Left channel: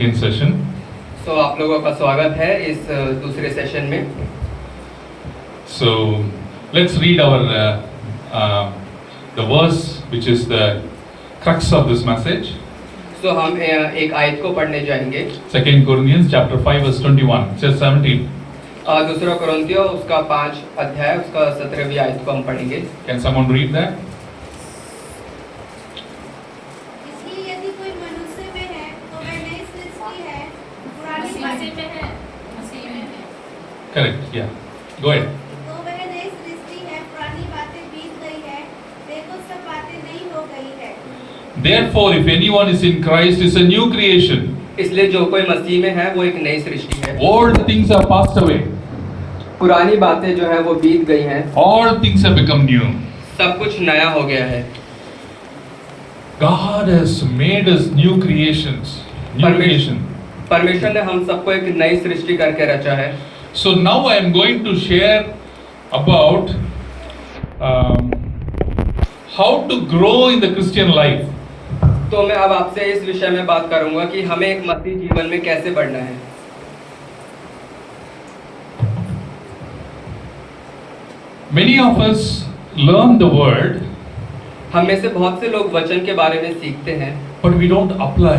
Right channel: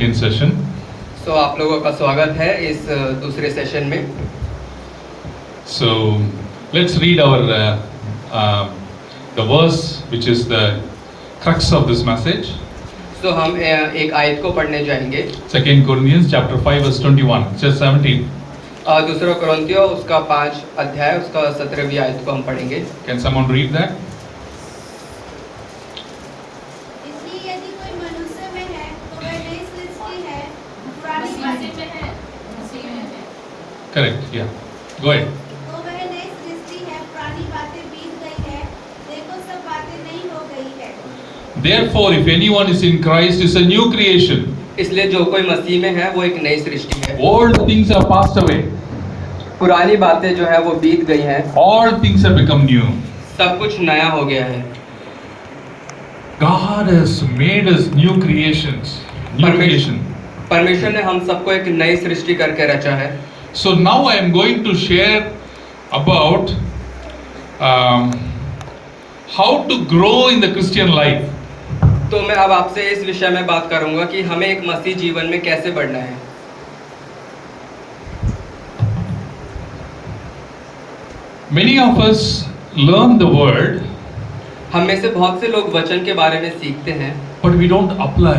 second session. So आप लोगों का स्वागत है इस दूसरे सेशन में. So let's read our the verse which is the crux of this message. So हम एक आयत को पढ़ने जाएंगे. 2 Corinthians chapter 5 verse 21. It says 17. दूसरा कोरिन्थियों उसका 5 अध्याय उसका 17वीं आयत को हम पढ़ेंगे. Can someone read that? Correct. Yeah. Go ahead. तो वह नई सृष्टि है, पुरानी बातें बीत गई है, देखो सब बातें नई हो गई है. Therefore, if anyone is in Christ, is a new creation. इसलिए जो कोई मसीह में है वो एक नई सृष्टि है. Old things are passed away. पुरानी बातें जो है वो बीत गई हैं. All things have become new. सब कुछ नया हो गया है. God has made us new creations. New creation. परमेश्वर ने हम सबको एक नई सृष्टि करके रचा है. So now I am going to share about how to grow in the Christian life. तो मैं अब आपसे इस विषय में बात करूंगा कि हमें एक मसीह जीवन में कैसे बढ़ना है. Many of us learn the word, हम में से बहुत से लोग वचन के बारे में सीखते हैं, but we don't apply.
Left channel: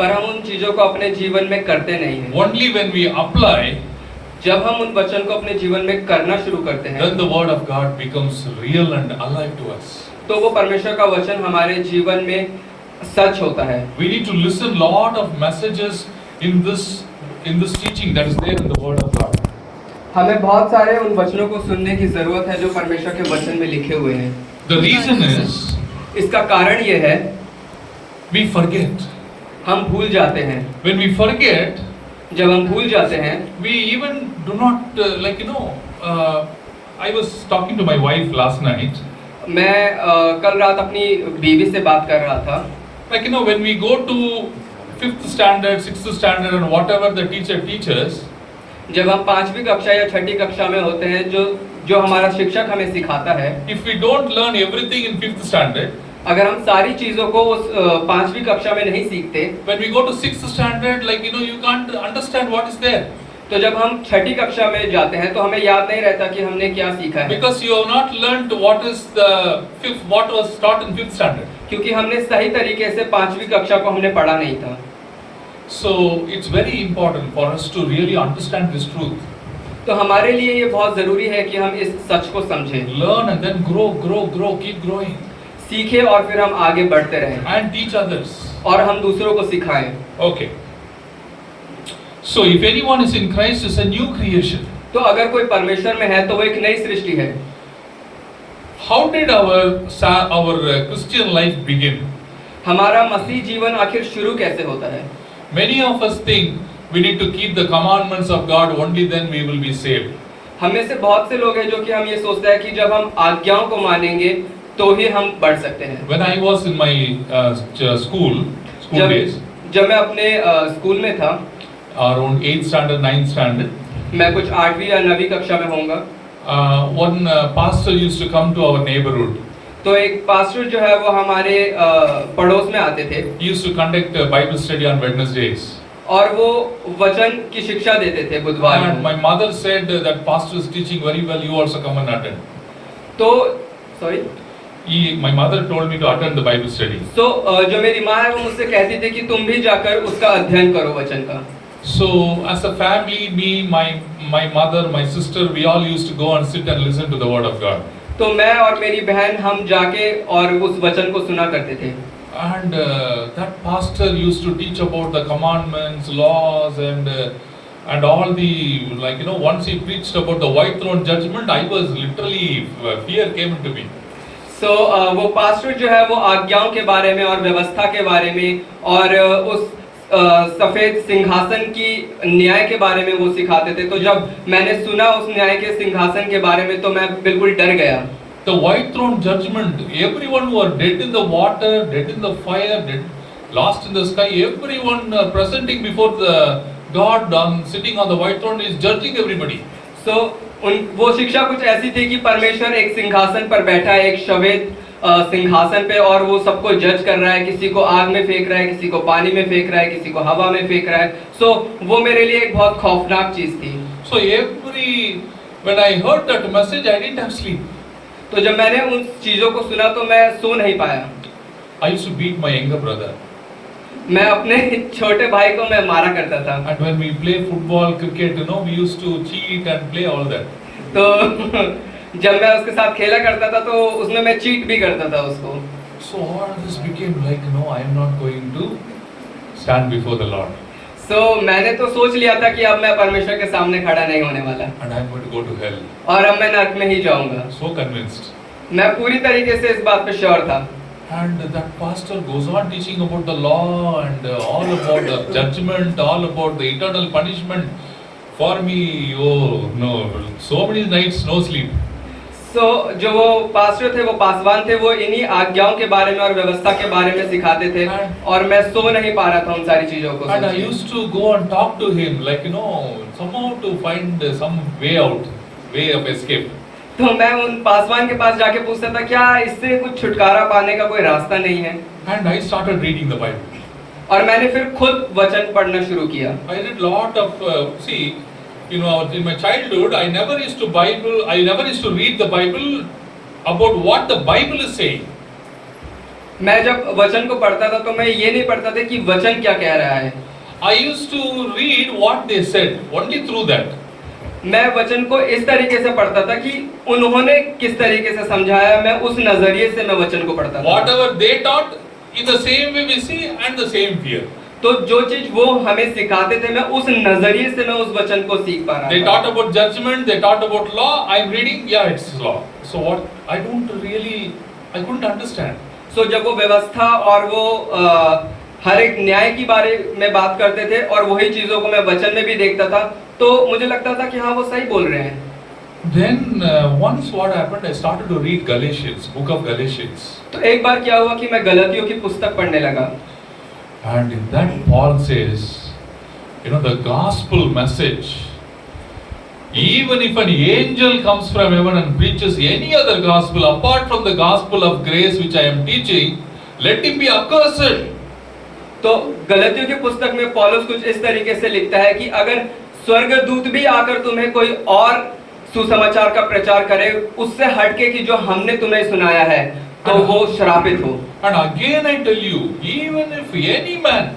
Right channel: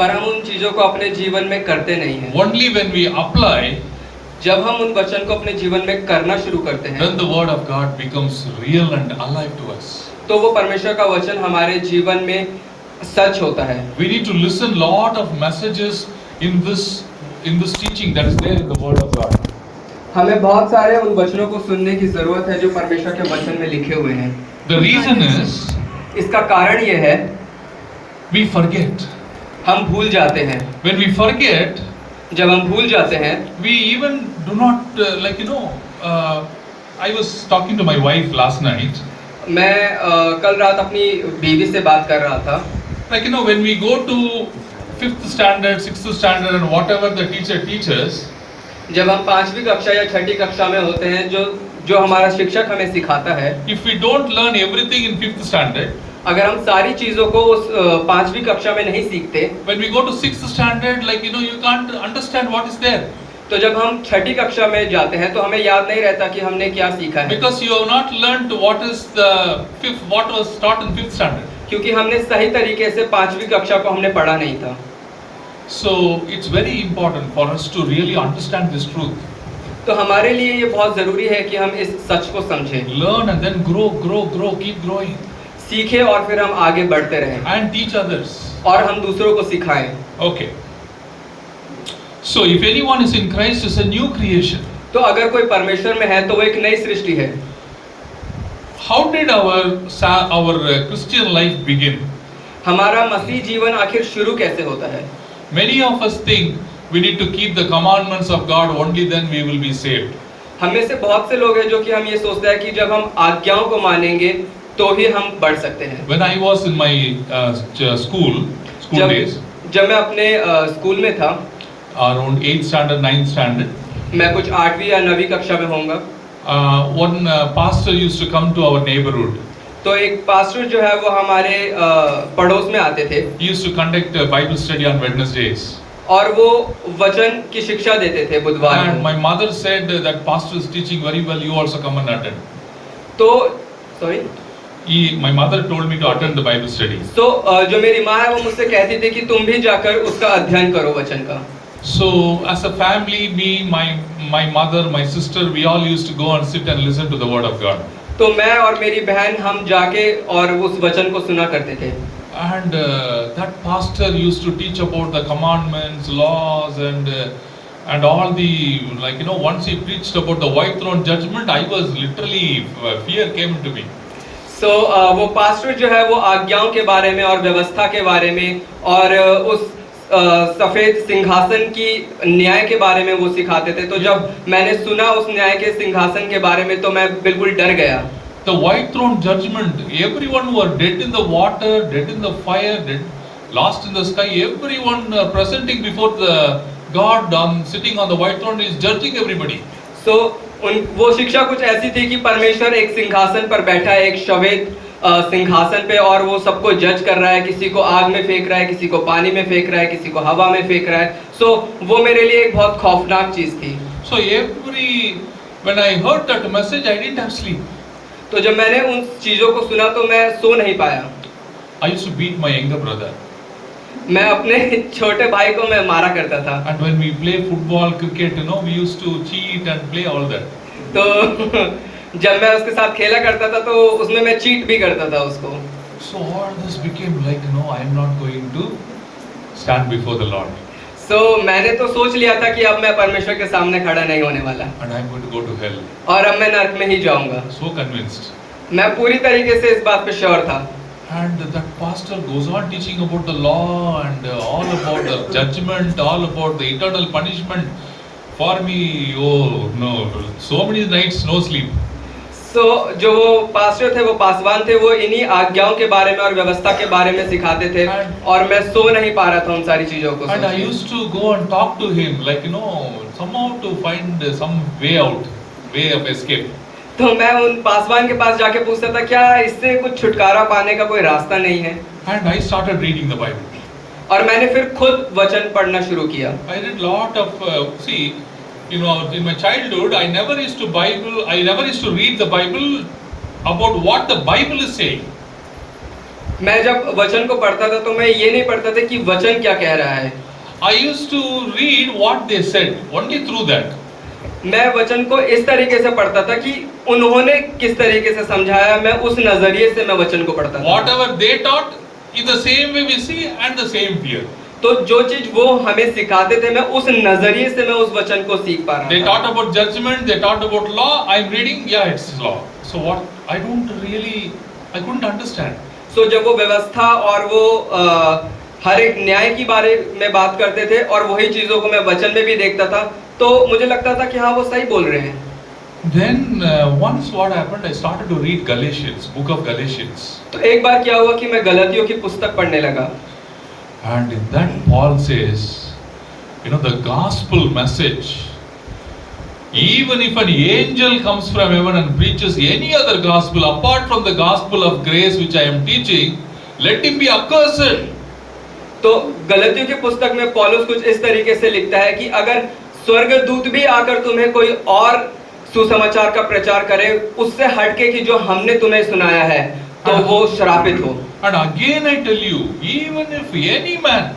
पर हम उन चीजों को अपने जीवन में करते नहीं हैं. Only when we apply, जब हम उन वचन को अपने जीवन में करना शुरू करते हैं, then the word of God becomes real and alive to us. तो वो परमेश्वर का वचन हमारे जीवन में सच होता है. We need to listen lot of messages in this teaching that is there in the word of God. हमें बहुत सारे उन वचनों को सुनने की जरूरत है जो परमेश्वर के वचन में लिखे हुए हैं. The reason is, इसका कारण ये है, we forget. हम भूल जाते हैं. When we forget, जब हम भूल जाते हैं, we even do not I was talking to my wife last night. मैं कल रात अपनी बीवी से बात कर रहा था. When we go to 5th standard, 6th standard and whatever the teacher teaches, जब हम 5वीं कक्षा या 6ठी कक्षा में होते हैं, जो हमारा शिक्षक हमें सिखाता है, if we don't learn everything in 5th standard, अगर हम सारी चीजों को उस 5वीं कक्षा में नहीं सीखते, when we go to 6th standard, you can't understand what is there. तो जब हम 6ठी कक्षा में जाते हैं तो हमें याद नहीं रहता कि हमने क्या सीखा है. Because you have not learned what was taught in 5th standard. क्योंकि हमने सही तरीके से 5वीं कक्षा को हमने पढ़ा नहीं था. So it's very important for us to really understand this truth. तो हमारे लिए ये बहुत जरूरी है कि हम इस सच को समझें. Learn and then grow, keep growing. सीखें और फिर हम आगे बढ़ते रहें. And teach others. और हम दूसरों को सिखाएं. Okay. So if anyone is in Christ, is a new creation. तो अगर कोई परमेश्वर में है तो वो एक नई सृष्टि है. How did our Christian life begin? हमारा मसीह जीवन आखिर शुरू कैसे होता है? Many of us think we need to keep the commandments of God, only then we will be saved. हमें से बहुत से लोग हैं जो कि हम ये सोचते हैं कि जब हम आज्ञाओं को मानेंगे तो ही हम बढ़ सकते हैं. When I was in my school days, जब मैं अपने स्कूल में था, around 8th standard, 9th standard, मैं कुछ 8वीं या 9वीं कक्षा में होऊंगा. one pastor used to come to our neighborhood. तो एक पास्टर जो है वो हमारे पड़ोस में आते थे. He used to conduct a Bible study on Wednesdays. और वो वचन की शिक्षा देते थे बुधवार को. And my mother said that pastor is teaching very well. You also come and attend. तो sorry. My mother told me to attend the Bible study. तो जो मेरी माँ है वो मुझसे कहती थी कि तुम भी जाकर उसका अध्ययन करो वचन का. So as a family, me, my mother, my sister, we all used to go and sit and listen to the word of God. तो मैं और मेरी बहन हम जाके और उस वचन को सुना करते थे. And that pastor used to teach about the commandments, laws, and all the once he preached about the white throne judgment, I was literally fear came to me. So वो पास्टर जो है वो आज्ञाओं के बारे में और व्यवस्था के बारे में और उस सफेद सिंहासन की न्याय के बारे में वो सिखाते थे. तो जब मैंने सुना उस न्याय के सिंहासन के बारे में तो मैं बिल्कुल डर गया. The white throne judgment, everyone who are dead in the water, dead in the fire, dead, lost in the sky, everyone presenting before the God sitting on the white throne is judging everybody. So वो शिक्षा कुछ ऐसी थी कि परमेश्वर एक सिंहासन पर बैठा है, एक सिंहासन पे और वो सबको जज कर रहा है, किसी को आग में फेंक रहा है, किसी को पानी में फेंक रहा है, किसी को हवा में फेंक रहा है। सो वो मेरे लिए एक बहुत खौफनाक चीज थी। So when I heard that message, I didn't have sleep. तो जब मैंने उन चीजों को सुना तो मैं सो नहीं पाया। I used to beat my younger brother. मैं अपने छोटे भाई को मैं मारा करता था। And when we play football, cricket, we used to cheat and play all that. तो जब मैं उसके साथ खेला करता था तो उसमें मैं चीट भी करता था उसको। So all this became like, I am not going to stand before the Lord. So मैंने तो सोच लिया था कि अब मैं परमेश्वर के सामने खड़ा नहीं होने वाला And I am going to go to hell. और अब मैं नरक में ही जाऊंगा। So convinced. मैं पूरी तरीके से इस बात पे श्योर था। And that pastor goes on teaching about the law and all about the judgment, all about the eternal punishment. For me, oh no, so many nights no sleep. So जो वो पास्टर थे, वो पासवान थे, वो इन्हीं आज्ञाओं के बारे में और व्यवस्था के बारे में सिखाते थे और मैं सो नहीं पा रहा था उन सारी चीजों को। And I used to go and talk to him, like somehow to find some way out, way of escape. तो मैं उन पासवान के पास जाके पूछता था क्या इससे कुछ छुटकारा पाने का कोई रास्ता नहीं है। And I started reading the Bible. और मैंने फिर खुद वचन पढ़ना शुरू किया। I did lot of in my childhood I never used to read the Bible about what the Bible is saying. मैं जब वचन को पढ़ता था तो मैं ये नहीं पढ़ता था कि वचन क्या कह रहा है। I used to read what they said, only through that. मैं वचन को इस तरीके से पढ़ता था कि उन्होंने किस तरीके से समझाया, मैं उस नजरिए से मैं वचन को पढ़ता था। Whatever they taught, in the same way we see and the same fear. तो जो चीज वो हमें सिखाते थे मैं उस नजरिए से मैं उस वचन को सीख पा रहा था। They taught about judgment, they taught about law. I'm reading, yeah, it's law. So what? I couldn't understand. So जब वो व्यवस्था और वो हर एक न्याय की बारे में बात करते थे और वही चीजों को मैं वचन में भी देखता था तो मुझे लगता था कि हाँ वो सही बोल रहे हैं। Then once what happened, I started to read Galatians, book of Galatians. तो एक बार क्या हुआ कि मैं गलतियों की पुस्तक पढ़ने लगा। And in that Paul says, the gospel message, even if an angel comes from heaven and preaches any other gospel apart from the gospel of grace which I am teaching, let him be accursed. तो गलतियों की पुस्तक में पौलुस कुछ इस तरीके से लिखता है कि अगर स्वर्गदूत भी आकर तुम्हें कोई और सुसमाचार का प्रचार करे उससे हटके कि जो हमने तुम्हें सुनाया है तो वो श्रापित हो। And again I tell you, even if any man,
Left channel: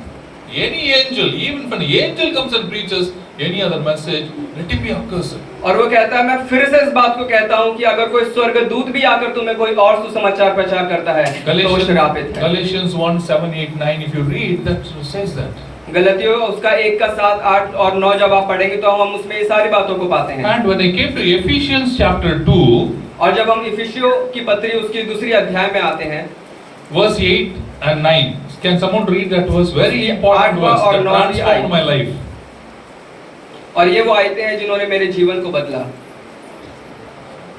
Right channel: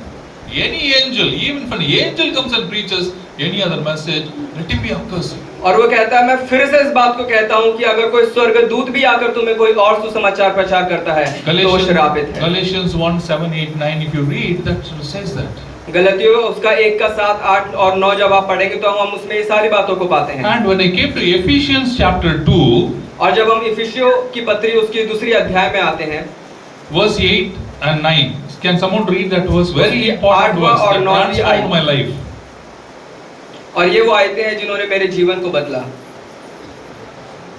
any angel, even if an angel comes and preaches any other message, let him be accursed. और वो कहता है मैं फिर से इस बात को कहता हूँ कि अगर कोई स्वर्गदूत भी आकर तुम्हें कोई और सुसमाचार प्रचार करता है तो वो श्रापित है। Galatians 1:7-8-9, if you read, that says that. गलतियों उसका 1 का 7, 8 और 9 जब आप पढ़ेंगे तो हम उसमें ये सारी बातों को पाते हैं। And when I came to Ephesians chapter 2, और जब हम इफिसियों की पत्री उसकी दूसरी अध्याय में आते हैं, verse 8 and 9, can someone read that verse? Very important verse that transformed my life. और ये वो आयतें हैं जिन्होंने मेरे जीवन को बदला।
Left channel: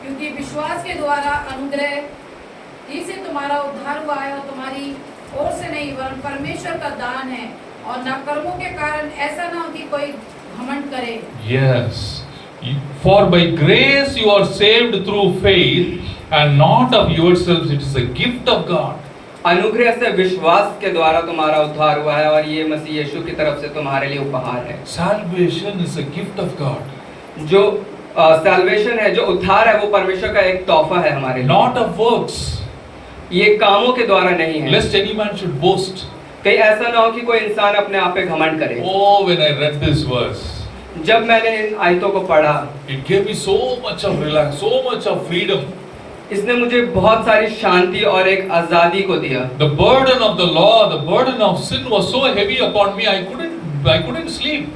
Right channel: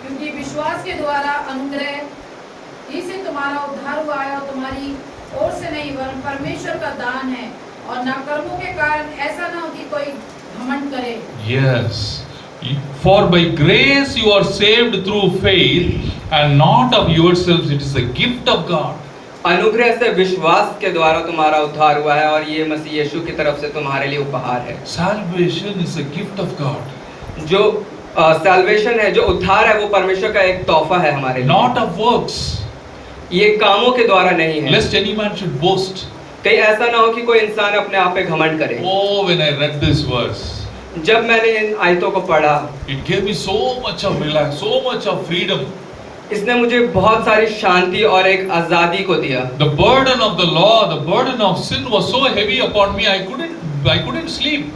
क्योंकि विश्वास के द्वारा अनुग्रह ही से तुम्हारा उद्धार हुआ है और तुम्हारी ओर से नहीं वरन परमेश्वर का दान है और न कर्मों के कारण ऐसा न हो कि कोई घमंड करे। Yes. For by grace you are saved through faith and not of yourselves, it is a gift of God. अनुग्रह से विश्वास के द्वारा तुम्हारा उद्धार हुआ है और ये मसीह यीशु की तरफ से तुम्हारे लिए उपहार है। Salvation is a gift of God. जो सैल्वेशन है, जो उद्धार है, वो परमेश्वर का एक तोहफा है हमारे लिए। Not of works. ये कामों के द्वारा नहीं है। Lest any man should boast. कहीं ऐसा ना हो कि कोई इंसान अपने आप पे घमंड करे। Oh, when I read this verse, जब मैंने इन आयतों को पढ़ा, it gave me so much of relax, so much of freedom. इसने मुझे बहुत सारी शांति और एक आजादी को दिया। The burden of the law, the burden of sin was so heavy upon me, I couldn't sleep.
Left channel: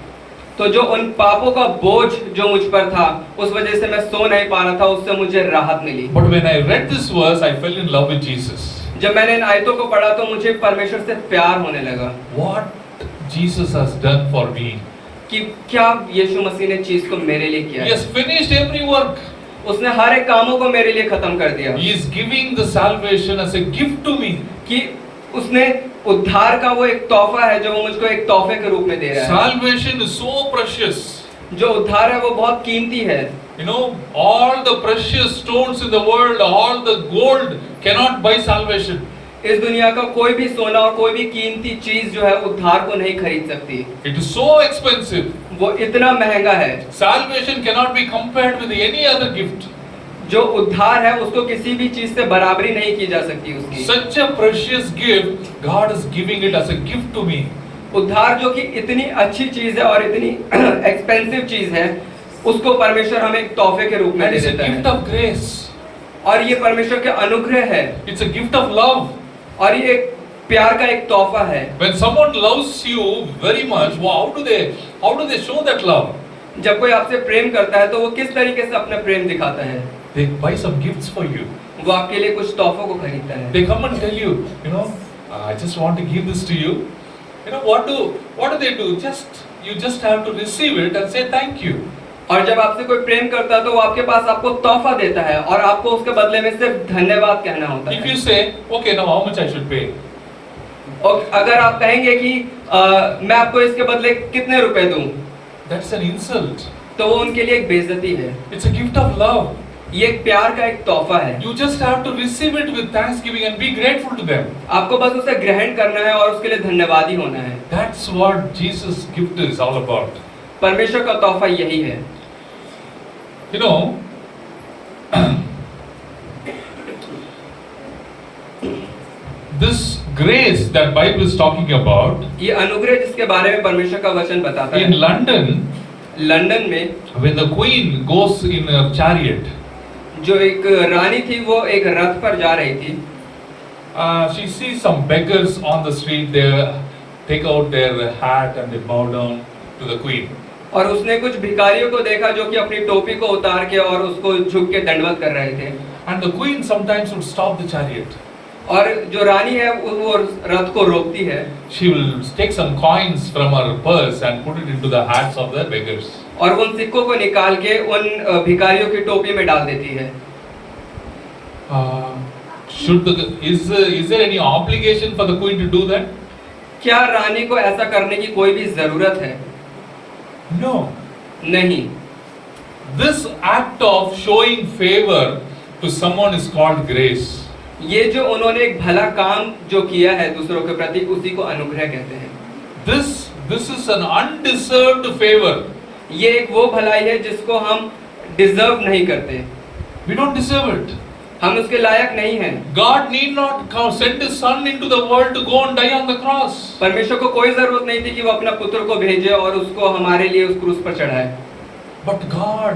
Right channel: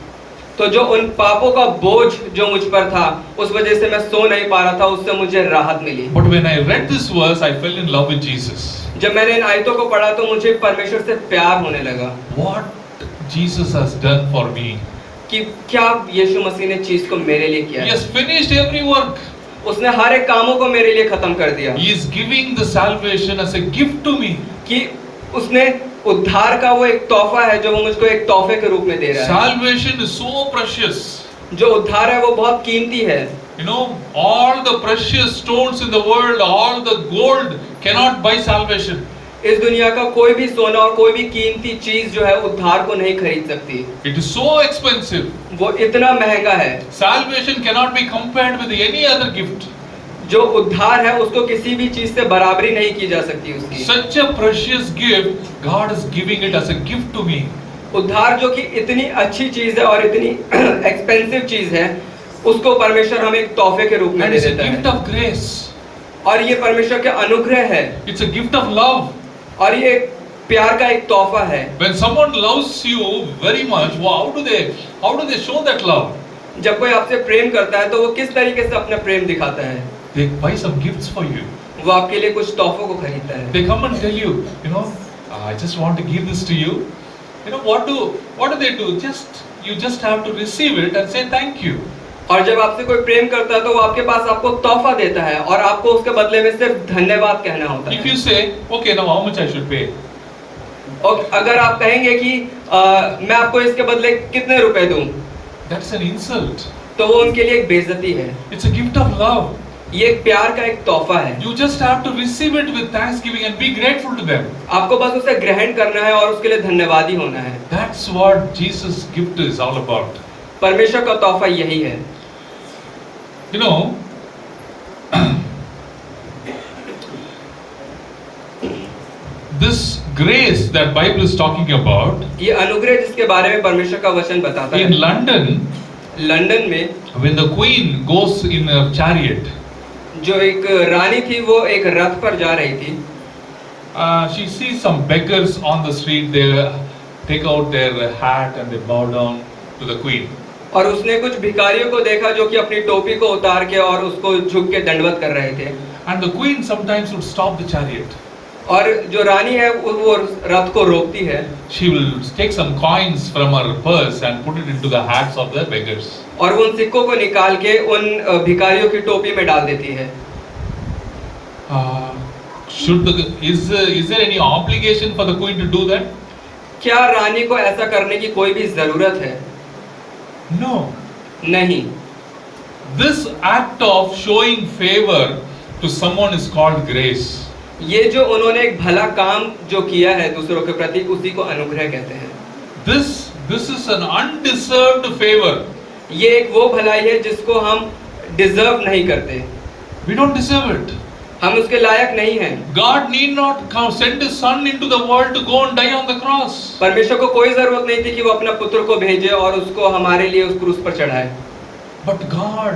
तो जो उन पापों का बोझ जो मुझ पर था, उस वजह से मैं सो नहीं पा रहा था, उससे मुझे राहत मिली। But when I read this verse, I fell in love with Jesus. जब मैंने इन आयतों को पढ़ा तो मुझे परमेश्वर से प्यार होने लगा। What Jesus has done for me. कि क्या यीशु मसीह ने चीज को मेरे लिए किया He है। has finished every work. उसने हर एक कामों को मेरे लिए खत्म कर दिया। He is giving the salvation as a gift to me. कि उसने उद्धार का वो एक तोहफा है जो वो मुझको एक तोहफे के रूप में दे रहा है। Salvation is so precious. जो उद्धार है वो बहुत कीमती है। You know, all the precious stones in the world, all the gold cannot buy salvation. इस दुनिया का कोई भी सोना और कोई भी कीमती चीज जो है उद्धार को नहीं खरीद सकती। It is so expensive. वो इतना महंगा है। Salvation cannot be compared with any other gift. जो उद्धार है उसको किसी भी चीज से बराबरी नहीं की जा सकती उसकी। Such a precious gift, God is giving it as a gift to me. उद्धार जो कि इतनी अच्छी चीज है और इतनी एक्सपेंसिव चीज है, उसको परमेश्वर हमें एक तोहफे के रूप में And दे it's a देता gift है। of grace. और ये परमेश्वर के अनुग्रह है, It's a gift of love. और ये एक प्यार का एक तोहफा है। When someone loves you very much, how do they show that love? जब कोई आपसे प्रेम करता है तो वो किस तरीके से अपना प्रेम दिखाता है? They buy some gifts for you. वो आपके लिए कुछ तोहफों को खरीदता है। They come and tell you, you know, I just want to give this to you. You know, what do they do? You just have to receive it and say thank you. और जब आपसे कोई प्रेम करता है तो वो आपके पास आपको तोहफा देता है और आपको उसके बदले में सिर्फ धन्यवाद कहना होता If है। you say, okay, now how much I should pay? और अगर आप कहेंगे कि मैं आपको इसके बदले कितने रुपए दूं, That's an insult. तो वो उनके लिए एक बेइज्जती है। It's a gift of love. ये एक प्यार का एक तोहफा है। You just have to receive it with thanksgiving and be grateful to them. आपको बस उसे ग्रहण करना है और उसके लिए धन्यवादी होना है। That's what Jesus' gift is all about. परमेश्वर का तोहफा यही है। You know, this grace that Bible is talking about, ये अनुग्रह जिसके बारे में परमेश्वर का वचन बताता in है, London, लंदन में when the queen goes in a chariot, जो एक रानी थी वो एक रथ पर जा रही थी, she sees some beggars on the street. They take out their hat and they bow down to the queen. और उसने कुछ भिखारियों को देखा जो कि अपनी टोपी को उतार के और उसको झुक के दंडवत कर रहे थे। And the queen sometimes would stop the chariot. और जो रानी है वो रथ को रोकती है। She will take some coins from her purse and put it into the hats of the beggars. और उन सिक्कों को निकाल के उन भिखारियों की टोपी में डाल देती है। Is there any obligation for the queen to do that? क्या रानी को ऐसा करने की कोई भी जरूरत है? No. नहीं। This act of showing favor to someone is called grace. ये जो उन्होंने एक भला काम जो किया है दूसरों के प्रति, उसी को अनुग्रह कहते हैं। This is an undeserved favor. ये एक वो भलाई है जिसको हम डिजर्व नहीं करते। We don't deserve it. हम उसके लायक नहीं हैं। God need not send His Son into the world to go and die on the cross. परमेश्वर को कोई जरूरत नहीं थी कि वो अपना पुत्र को भेजे और उसको हमारे लिए उस क्रूस पर चढ़ाए। But God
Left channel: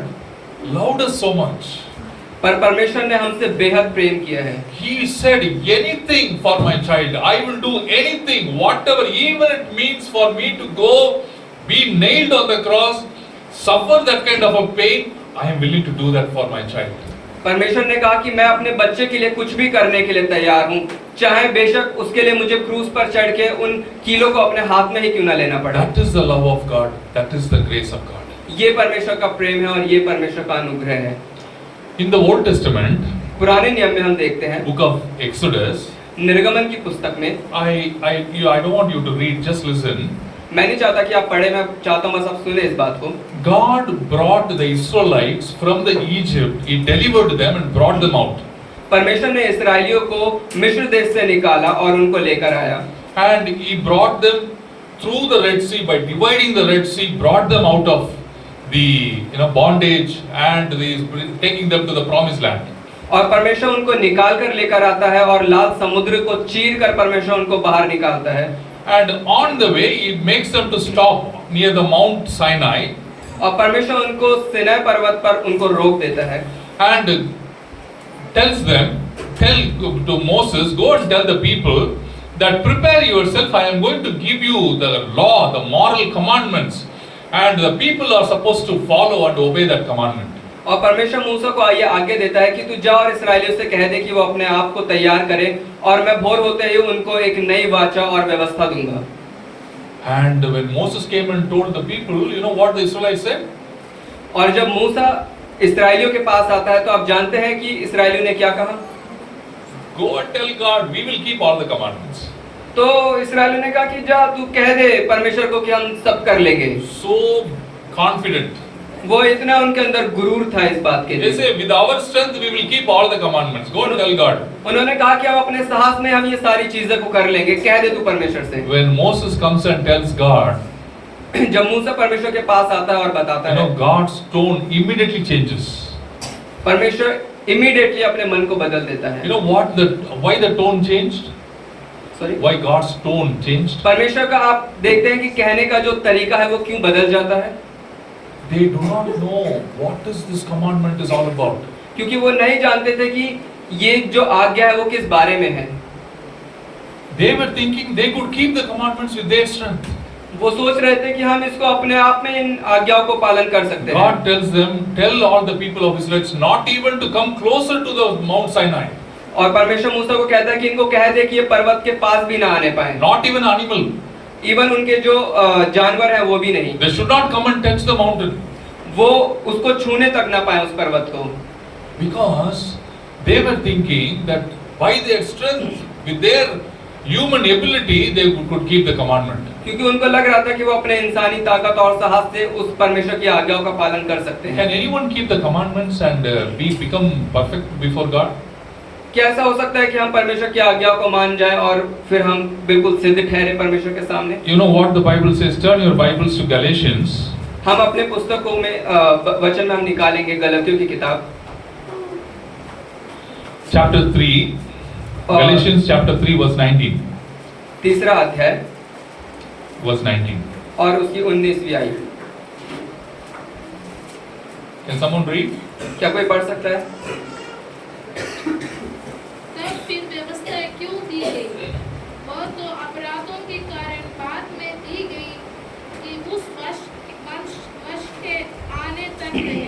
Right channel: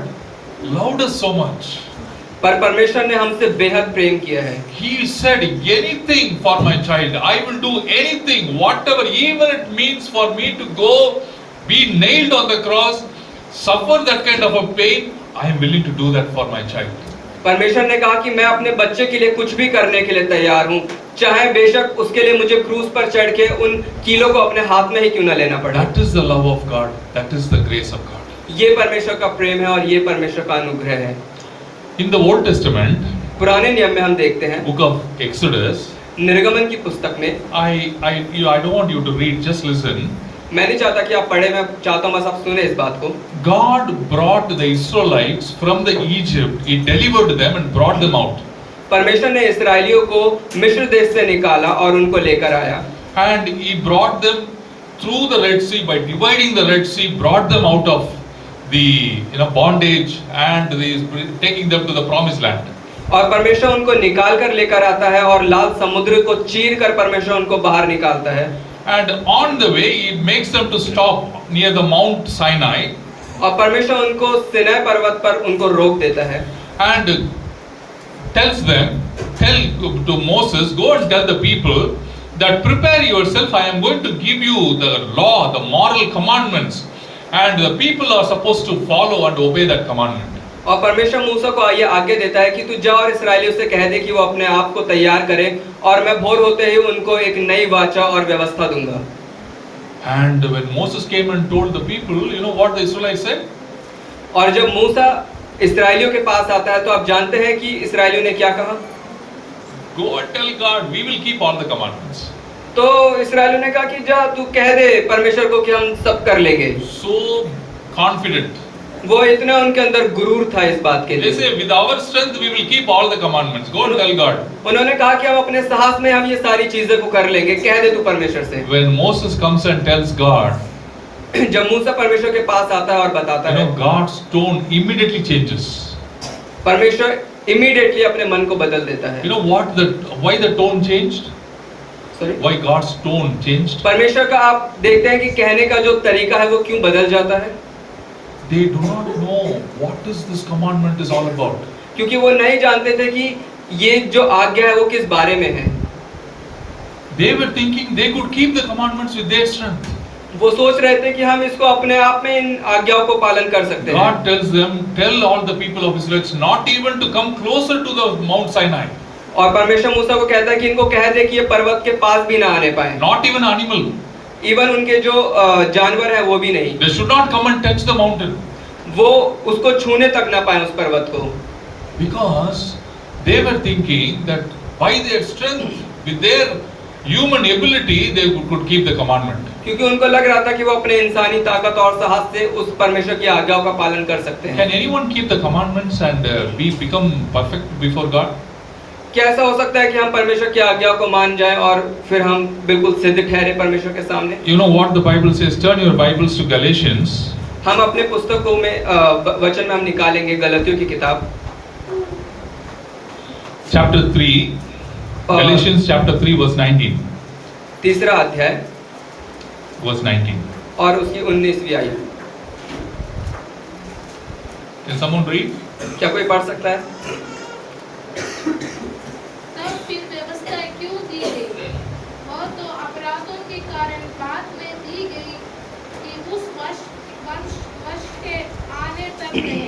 loved us so much. पर परमेश्वर ने हमसे बेहद प्रेम किया है। He said, anything for my child. I will do anything, whatever, even it means for me to go, be nailed on the cross, suffer that kind of a pain. I am willing to do that for my child. परमेश्वर ने कहा कि मैं अपने बच्चे के लिए कुछ भी करने के लिए तैयार हूँ, चाहे बेशक उसके लिए मुझे क्रूस पर चढ़ के उन कीलों को अपने हाथ में ही क्यों ना लेना पड़े। That is the love of God. That is the grace of God. ये परमेश्वर का प्रेम है और ये परमेश्वर का अनुग्रह है। In the Old Testament, पुराने नियम में हम देखते हैं, book of Exodus, निर्गमन की पुस्तक में, I don't want you to read, just listen. मैं नहीं चाहता कि आप पढ़े, मैं चाहता हूँ बस आप सुने इस बात को। God brought the Israelites from the Egypt. He delivered them and brought them out. परमेश्वर ने इस्राएलियों को मिस्र देश से निकाला और उनको लेकर आया। And He brought them through the Red Sea by dividing the Red Sea, brought them out of the bondage and taking them to the promised land. और परमेश्वर उनको निकाल कर लेकर आता है और लाल समुद्र को चीर कर परमेश्वर उनको बाहर निकालता है। And on the way, it makes them to stop near the Mount Sinai. और परमेश्वर उनको सिनै पर्वत पर उनको रोक देता है। And tell to Moses, go and tell the people that prepare yourself. I am going to give you the law, the moral commandments, and the people are supposed to follow and obey that commandment. और परमेश्वर मूसा को ये आज्ञा देता है कि तू जा और इस्राएलियों से कह दे कि वो अपने आप को तैयार करें और मैं भोर होते ही उनको एक नई वाचा और व्यवस्था दूंगा। And when Moses came and told the people, you know what the Israelites said? और जब मूसा इस्राएलियों के पास आता है तो आप जानते हैं कि इस्राएलियों ने क्या कहा? Go and tell God, we will keep all the commandments. तो इस्राएलियों ने कहा कि जा तू कह दे परमेश्वर को कि हम सब कर लेंगे। So confident. वो इतना उनके अंदर गुरूर था इस बात के They लिए। say, with our strength, we will keep all the commandments. Go and tell God. उन्होंने कहा कि हम अपने साहस में हम ये सारी चीजें को कर लेंगे, कह दे तू परमेश्वर से। When Moses comes and tells God, जब मूसा परमेश्वर के पास आता है और बताता you know, है, God's tone immediately changes. परमेश्वर इमीडिएटली अपने मन को बदल देता You है। know why the tone changed? Sorry? Why God's tone changed? परमेश्वर का आप देखते हैं कि कहने का जो तरीका है वो क्यों बदल जाता है? They do not know what is this commandment is all about. क्योंकि वो नहीं जानते थे कि ये जो आज्ञा है वो किस बारे में है। They were thinking they could keep the commandments with their strength. वो सोच रहे थे कि हम इसको अपने आप में इन आज्ञाओं को पालन कर सकते हैं। God tells them, tell all the people of Israel not even to come closer to the Mount Sinai. और परमेश्वर मूसा को कहता है कि इनको कह दे कि ये पर्वत के पास भी ना आने पाए। Not even animal. इवन उनके जो जानवर हैं वो भी नहीं। They should not come and touch the mountain. वो उसको छूने तक ना पाए उस पर्वत को। Because they were thinking that by their strength, with their human ability, they could keep the commandment. क्योंकि उनको लग रहा था कि वो अपने इंसानी ताकत और साहस से उस परमेश्वर की आज्ञाओं का पालन कर सकते हैं। Can anyone keep the commandments and become perfect before God? क्या ऐसा हो सकता है कि हम परमेश्वर की आज्ञाओं को मान जाएं और फिर हम बिल्कुल सिद्ध ठहरे परमेश्वर के सामने? You know what the Bible says? Turn your Bibles to Galatians. हम अपने पुस्तकों में वचन में हम निकालेंगे गलतियों की किताब Chapter 3. Galatians chapter 3 verse 19. तीसरा अध्याय Verse 19. और उसकी 19वीं आयत। Can someone read? क्या कोई पढ़ सकता है? तब फिर व्यवस्था क्यों दी गई? वह तो अपराधों के कारण बाद में दी गई कि उस वंश के आने तक है,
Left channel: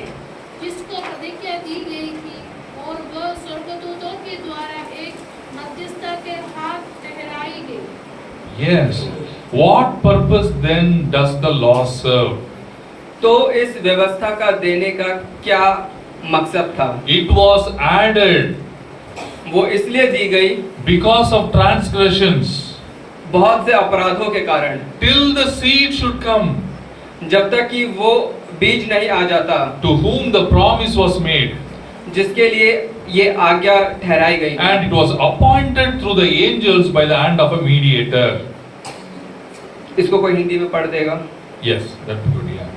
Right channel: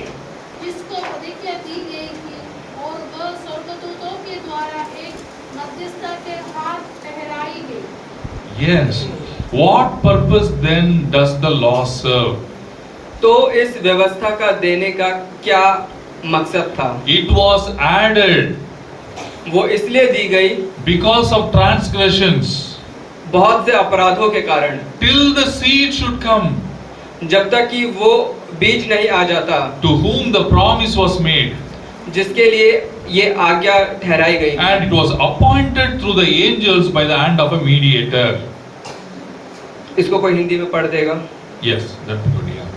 जिसको प्रतिज्ञा दी गई थी, और वह स्वर्गदूतों के द्वारा एक मध्यस्थ के हाथ ठहराई गई। Yes. What purpose then does the law serve? तो इस व्यवस्था का देने का क्या मकसद था? It was added वो इसलिए दी गई because of transgressions बहुत से अपराधों के कारण, till the seed should come जब तक कि वो बीज नहीं आ जाता to whom the promise was made, जिसके लिए ये आज्ञा ठहराई गई। and it was appointed through the angels by the hand of a mediator. इसको कोई हिंदी में पढ़ देगा? Yes, that's good. Yeah.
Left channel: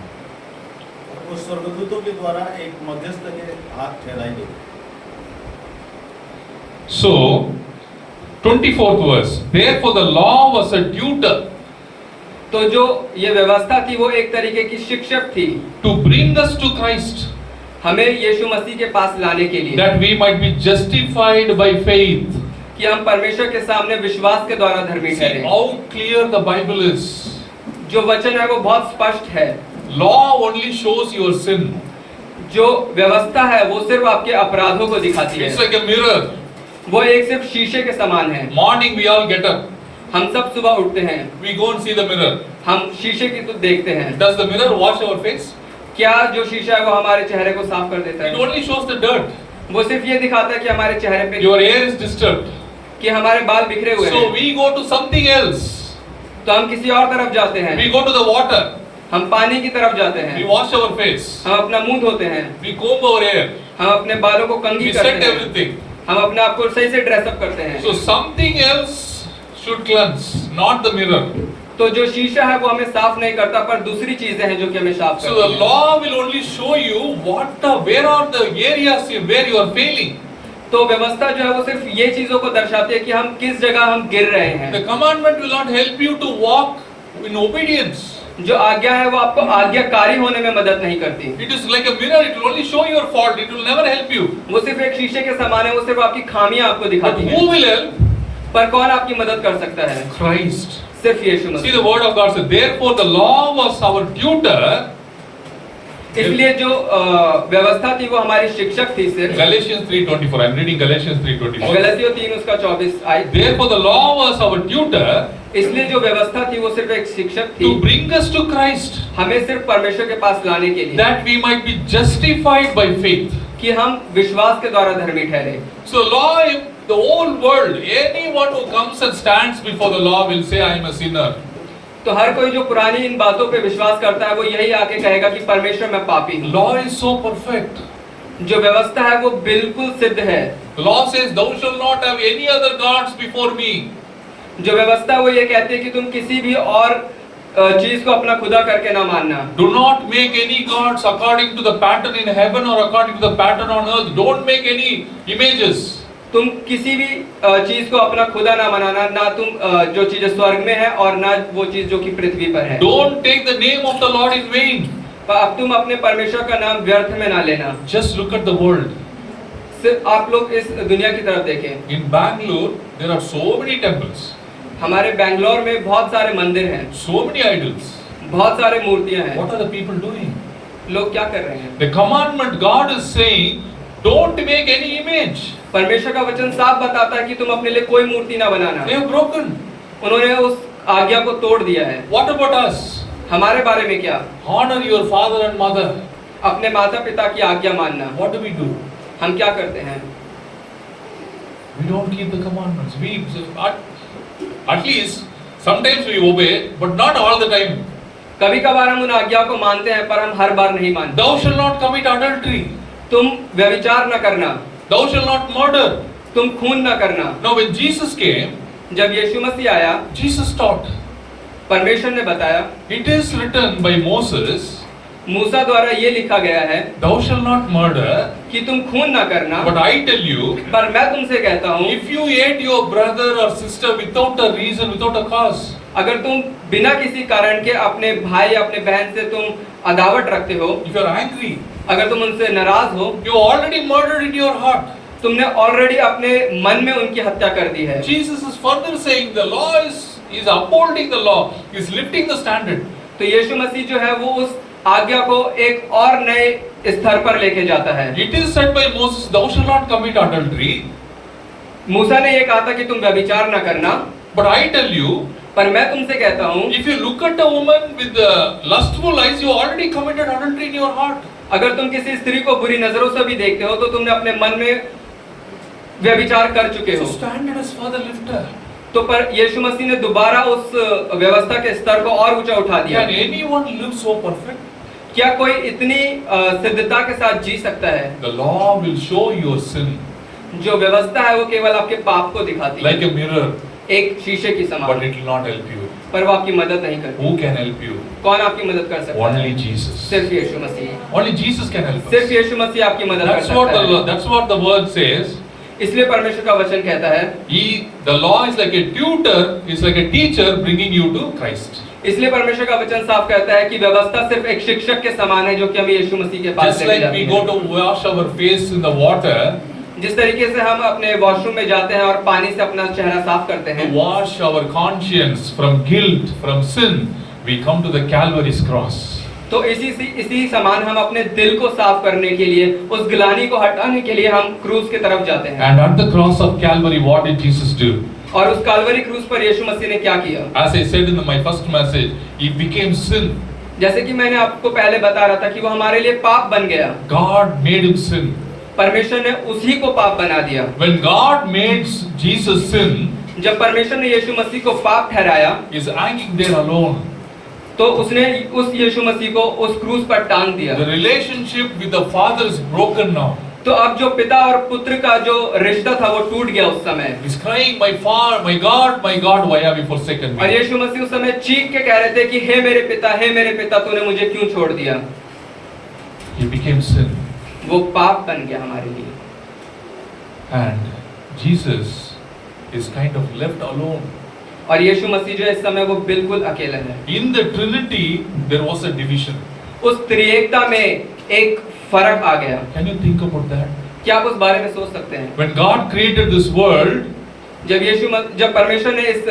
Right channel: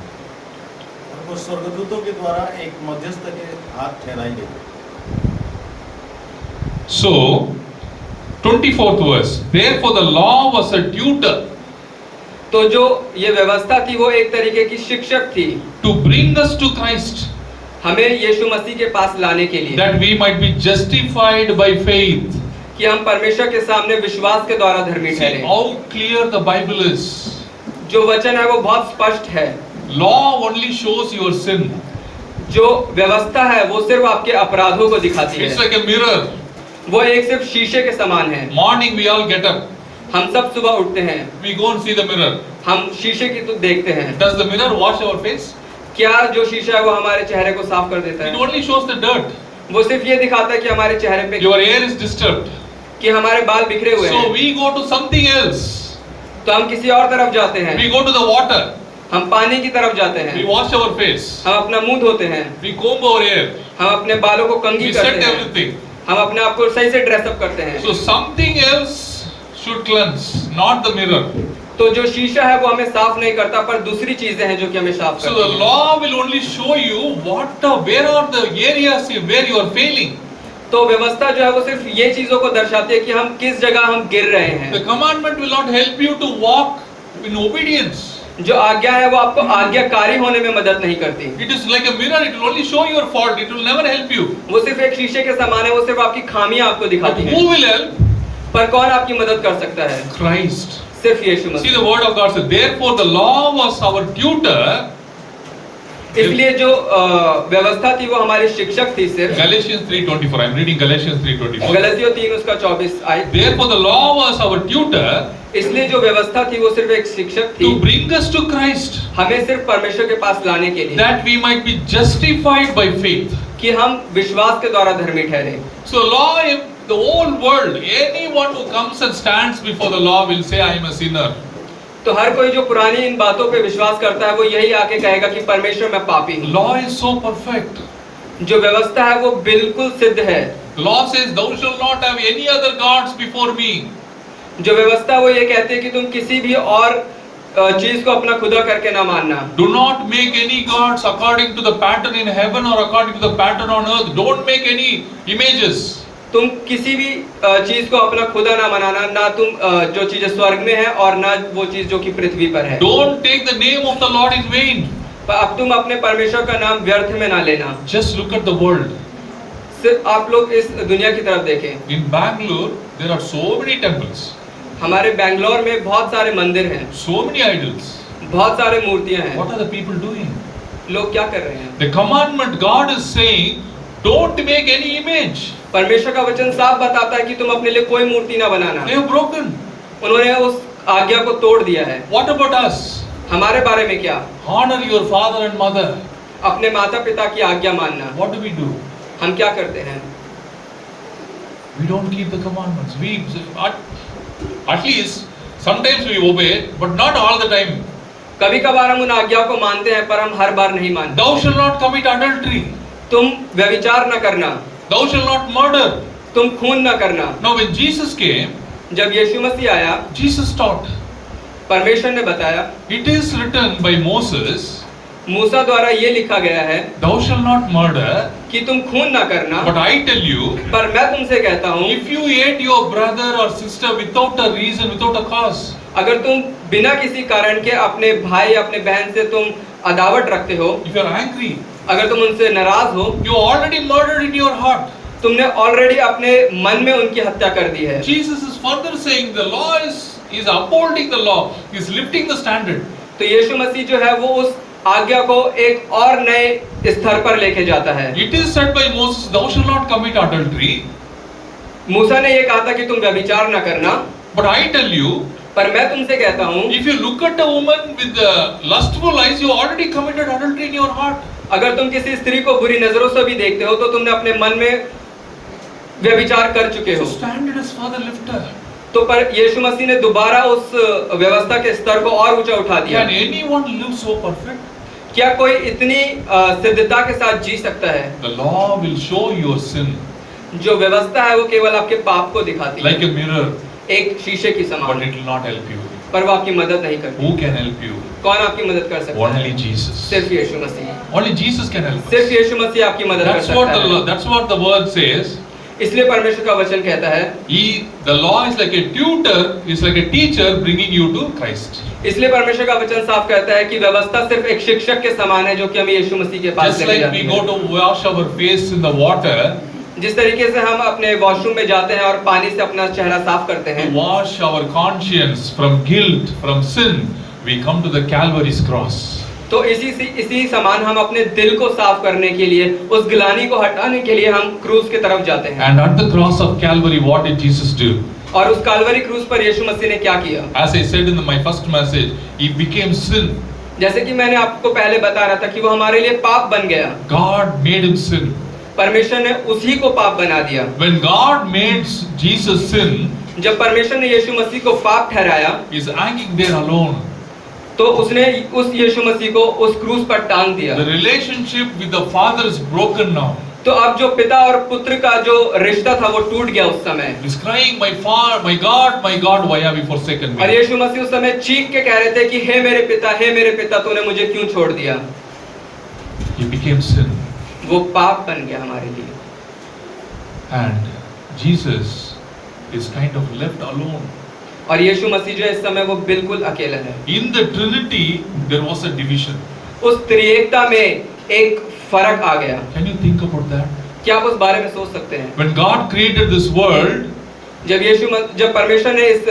वो स्वर्गदूतों के द्वारा एक मध्यस्थ के हाथ ठहराई गई। So, 24th verse. Therefore, the law was a tutor तो जो ये व्यवस्था थी वो एक तरीके की शिक्षक थी to bring us to Christ, हमें यीशु मसीह के पास लाने के लिए, that we might be justified by faith. कि हम परमेश्वर के सामने विश्वास के द्वारा धर्मी See ठहरे। how clear the Bible is. जो वचन है वो बहुत स्पष्ट है। Law only shows your sin. जो व्यवस्था है वो सिर्फ आपके अपराधों को दिखाती It's है। like a mirror. वो एक सिर्फ शीशे के समान है। Morning we all get up. हम सब सुबह उठते हैं, We go and see the mirror. हम शीशे की तो देखते हैं। Does the mirror wash our face? क्या जो शीशा है वो हमारे चेहरे को साफ कर देता It है? only shows the dirt. वो सिर्फ ये दिखाता है कि हमारे चेहरे पे Your hair is disturbed. कि हमारे बाल बिखरे हुए So हैं। we go to something else. तो हम किसी और तरफ जाते हैं, We go to the water. हम पानी की तरफ जाते We हैं, wash our face. हम अपना मुंह धोते हैं, We comb our hair. हम अपने बालों को कंघी We करते set हैं, everything. हम अपने आप को सही से ड्रेसअप करते हैं। So something else should cleanse, not the mirror. तो जो शीशा है वो हमें साफ नहीं करता, पर दूसरी चीजें हैं जो कि हमें साफ So the करती हैं। law will only show you where are the areas where you are failing. तो व्यवस्था जो है वो सिर्फ ये चीजों को दर्शाती है कि हम किस जगह हम गिर रहे हैं। The commandment will not help you to walk in obedience. जो आज्ञा है वो आपको आज्ञाकारी होने में मदद नहीं करती। It is like a mirror. It will only show your fault. It will never help you. वो सिर्फ एक शीशे के समान है, वो सिर्फ आपकी खामियां आपको But दिखाती है। who will help? पर कौन आपकी मदद कर सकता है? Christ. सिर्फ यीशु See Masih. the word of God says, therefore the law was our tutor. इसलिए जो व्यवस्था थी वो हमारी शिक्षक थी सिर्फ। Galatians 3:24. I'm reading Galatians 3:24. गलतियों 3:24 आयत। Therefore the law was our tutor इसलिए जो व्यवस्था थी वो सिर्फ एक शिक्षक थी, to bring us to Christ, हमें सिर्फ परमेश्वर के पास लाने के लिए, that we might be justified by faith. कि हम विश्वास के द्वारा धर्मी ठहरे। So law, if the whole world, anyone who comes and stands before the law will say, I am a sinner. तो हर कोई जो पुरानी इन बातों पे विश्वास करता है वो यही आके कहेगा कि परमेश्वर मैं पापी हूँ। Law is so perfect. जो व्यवस्था है वो बिल्कुल सिद्ध है। The law says, "Thou shalt not have any other gods before me." जो व्यवस्था वो ये कहती है कि तुम किसी भी और चीज को अपना खुदा करके ना मानना। Do not make any gods according to the pattern in heaven or according to the pattern on earth. Don't make any images. तुम किसी भी चीज को अपना खुदा ना बनाना, ना तुम जो चीजें स्वर्ग में है और ना वो चीज जो कि पृथ्वी पर है। Don't take the name of the Lord in vain. अब तुम अपने परमेश्वर का नाम व्यर्थ में ना लेना। Just look at the world. सिर्फ आप लोग इस दुनिया की तरफ देखें। In Bangalore, there are so many temples, हमारे बेंगलोर में बहुत सारे मंदिर हैं, so many idols. बहुत सारे मूर्तियां हैं। What are the people doing? लोग क्या कर रहे हैं? The commandment God is saying, don't make any image. परमेश्वर का वचन साफ बताता है कि तुम अपने लिए कोई मूर्ति ना बनाना। They have broken. उन्होंने उस आज्ञा को तोड़ दिया है। What about us? हमारे बारे में क्या? Honor your father and mother. अपने माता पिता की आज्ञा मानना। What do we do? हम क्या करते हैं? We don't keep the commandments. At least sometimes we obey, but not all the time. कभी कभार हम उन आज्ञाओं को मानते हैं पर हम हर बार नहीं मानते। Thou shalt not commit adultery. तुम व्यभिचार न करना, Thou shalt not murder. तुम खून न करना। Now when Jesus came, जब यीशु मसीह आया, Jesus taught. परमेश्वर ने बताया, It is written by Moses, मूसा द्वारा ये लिखा गया है Thou shalt not murder. कि तुम खून न करना। But I tell you, पर मैं तुमसे कहता हूँ, if you hate your brother or sister without a reason, without a cause, अगर तुम बिना किसी कारण के अपने भाई या अपने बहन से तुम अदावत रखते हो, if you are angry, अगर तुम उनसे नाराज हो, you already murdered in your heart. तुमने ऑलरेडी अपने मन में उनकी हत्या कर दी है। Jesus is further saying the law is upholding the law, is lifting the standard. तो यीशु मसीह जो है वो उस आज्ञा को एक और नए स्तर पर लेके जाता है। It is said by Moses, Thou shalt not commit adultery. मूसा ने ये कहा था कि तुम व्यभिचार न करना, But I tell you, पर मैं तुमसे कहता हूँ, if you look at a woman with the lustful eyes, you already committed adultery in your heart. अगर तुम किसी स्त्री को बुरी नजरों से भी देखते हो तो तुमने अपने मन में व्यभिचार कर चुके The हो। standard is further lifted. तो पर यीशु मसीह ने दोबारा उस व्यवस्था के स्तर को और ऊंचा उठा दिया। Can anyone live so perfect? क्या कोई इतनी सिद्धता के साथ जी सकता है? The law will show your sin जो व्यवस्था है वो केवल आपके पाप को दिखाती like है, a mirror, एक शीशे की but समान, it will not help you. पर वो आपकी मदद नहीं करती। Who can help you? कौन आपकी मदद कर सकता है? Only Jesus. सिर्फ यीशु मसीह। Only Jesus can help us. सिर्फ यीशु मसीह आपकी मदद कर सकता है। That's what the word says. इसलिए परमेश्वर का वचन कहता है, The law is like a tutor, is like a teacher bringing you to Christ. इसलिए परमेश्वर का वचन साफ कहता है कि व्यवस्था सिर्फ एक शिक्षक के समान है जो कि हमें यीशु मसीह के पास Just लेके like जाती we है। go to wash our face in the water, जिस तरीके से हम अपने वॉशरूम में जाते हैं और पानी से अपना चेहरा साफ करते to हैं, wash our conscience from guilt, from sin, we come to the Calvary's cross. तो इसी समान हम अपने दिल को साफ करने के लिए, उस गिलानी को हटाने के लिए हम क्रूस की तरफ जाते हैं। And at the cross of Calvary, what did Jesus do? और उस काल्वरी क्रूस पर यीशु मसीह ने क्या किया? As I said in my first message, He became sin. जैसे कि मैंने आपको पहले बता रहा था कि वो हमारे लिए पाप बन गया। God made Him sin. परमेश्वर ने उसी को पाप बना दिया। When God made Jesus sin, जब परमेश्वर ने यीशु मसीह को पाप ठहराया, He's hanging there alone. तो उसने उस यीशु मसीह को उस क्रूस पर टांग दिया। The relationship with the Father is broken now. तो अब जो पिता और पुत्र का जो रिश्ता था वो टूट गया उस समय। He's crying, my God, why have you forsaken और me? यीशु मसीह उस समय चीख के कह रहे थे कि हे मेरे पिता, तूने मुझे क्यों छोड़ दिया? He became sin. वो पाप बन गया हमारे लिए। And Jesus is kind of left alone. और यीशु मसीह जो इस समय वो बिल्कुल अकेला है। In the Trinity, there was a division. उस त्रिएकता में एक फर्क आ गया। Can you think about that? क्या आप उस बारे में सोच सकते हैं? When God created this world, जब परमेश्वर ने इस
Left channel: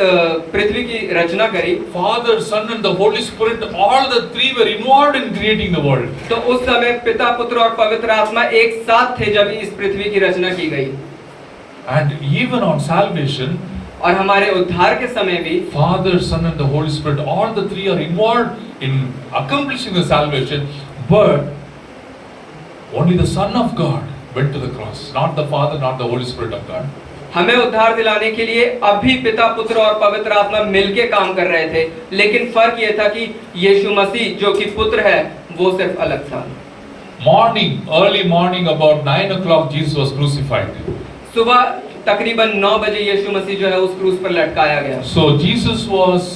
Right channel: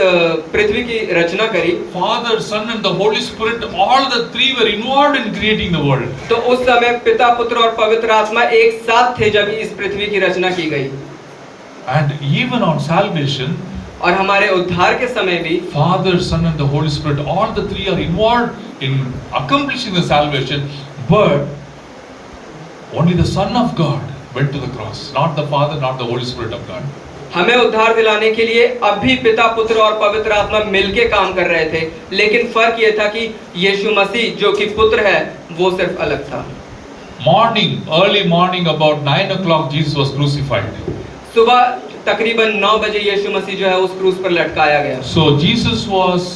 पृथ्वी की रचना करी, Father, Son and the Holy Spirit, all the three were involved in creating the world. तो उस समय पिता, पुत्र और पवित्र आत्मा एक साथ थे जब इस पृथ्वी की रचना की गई। And even on salvation, और हमारे उद्धार के समय भी Father, Son and the Holy Spirit, all the three are involved in accomplishing the salvation, but only the Son of God went to the cross, not the Father, not the Holy Spirit of God. हमें उद्धार दिलाने के लिए अभी पिता, पुत्र और पवित्र आत्मा मिलके काम कर रहे थे, लेकिन फर्क ये था कि यीशु मसीह जो कि पुत्र है वो सिर्फ अलग था। Morning, early morning, about 9 o'clock, Jesus was crucified. सुबह तकरीबन 9 बजे यीशु मसीह जो है उस क्रूस पर लटकाया गया। So Jesus was,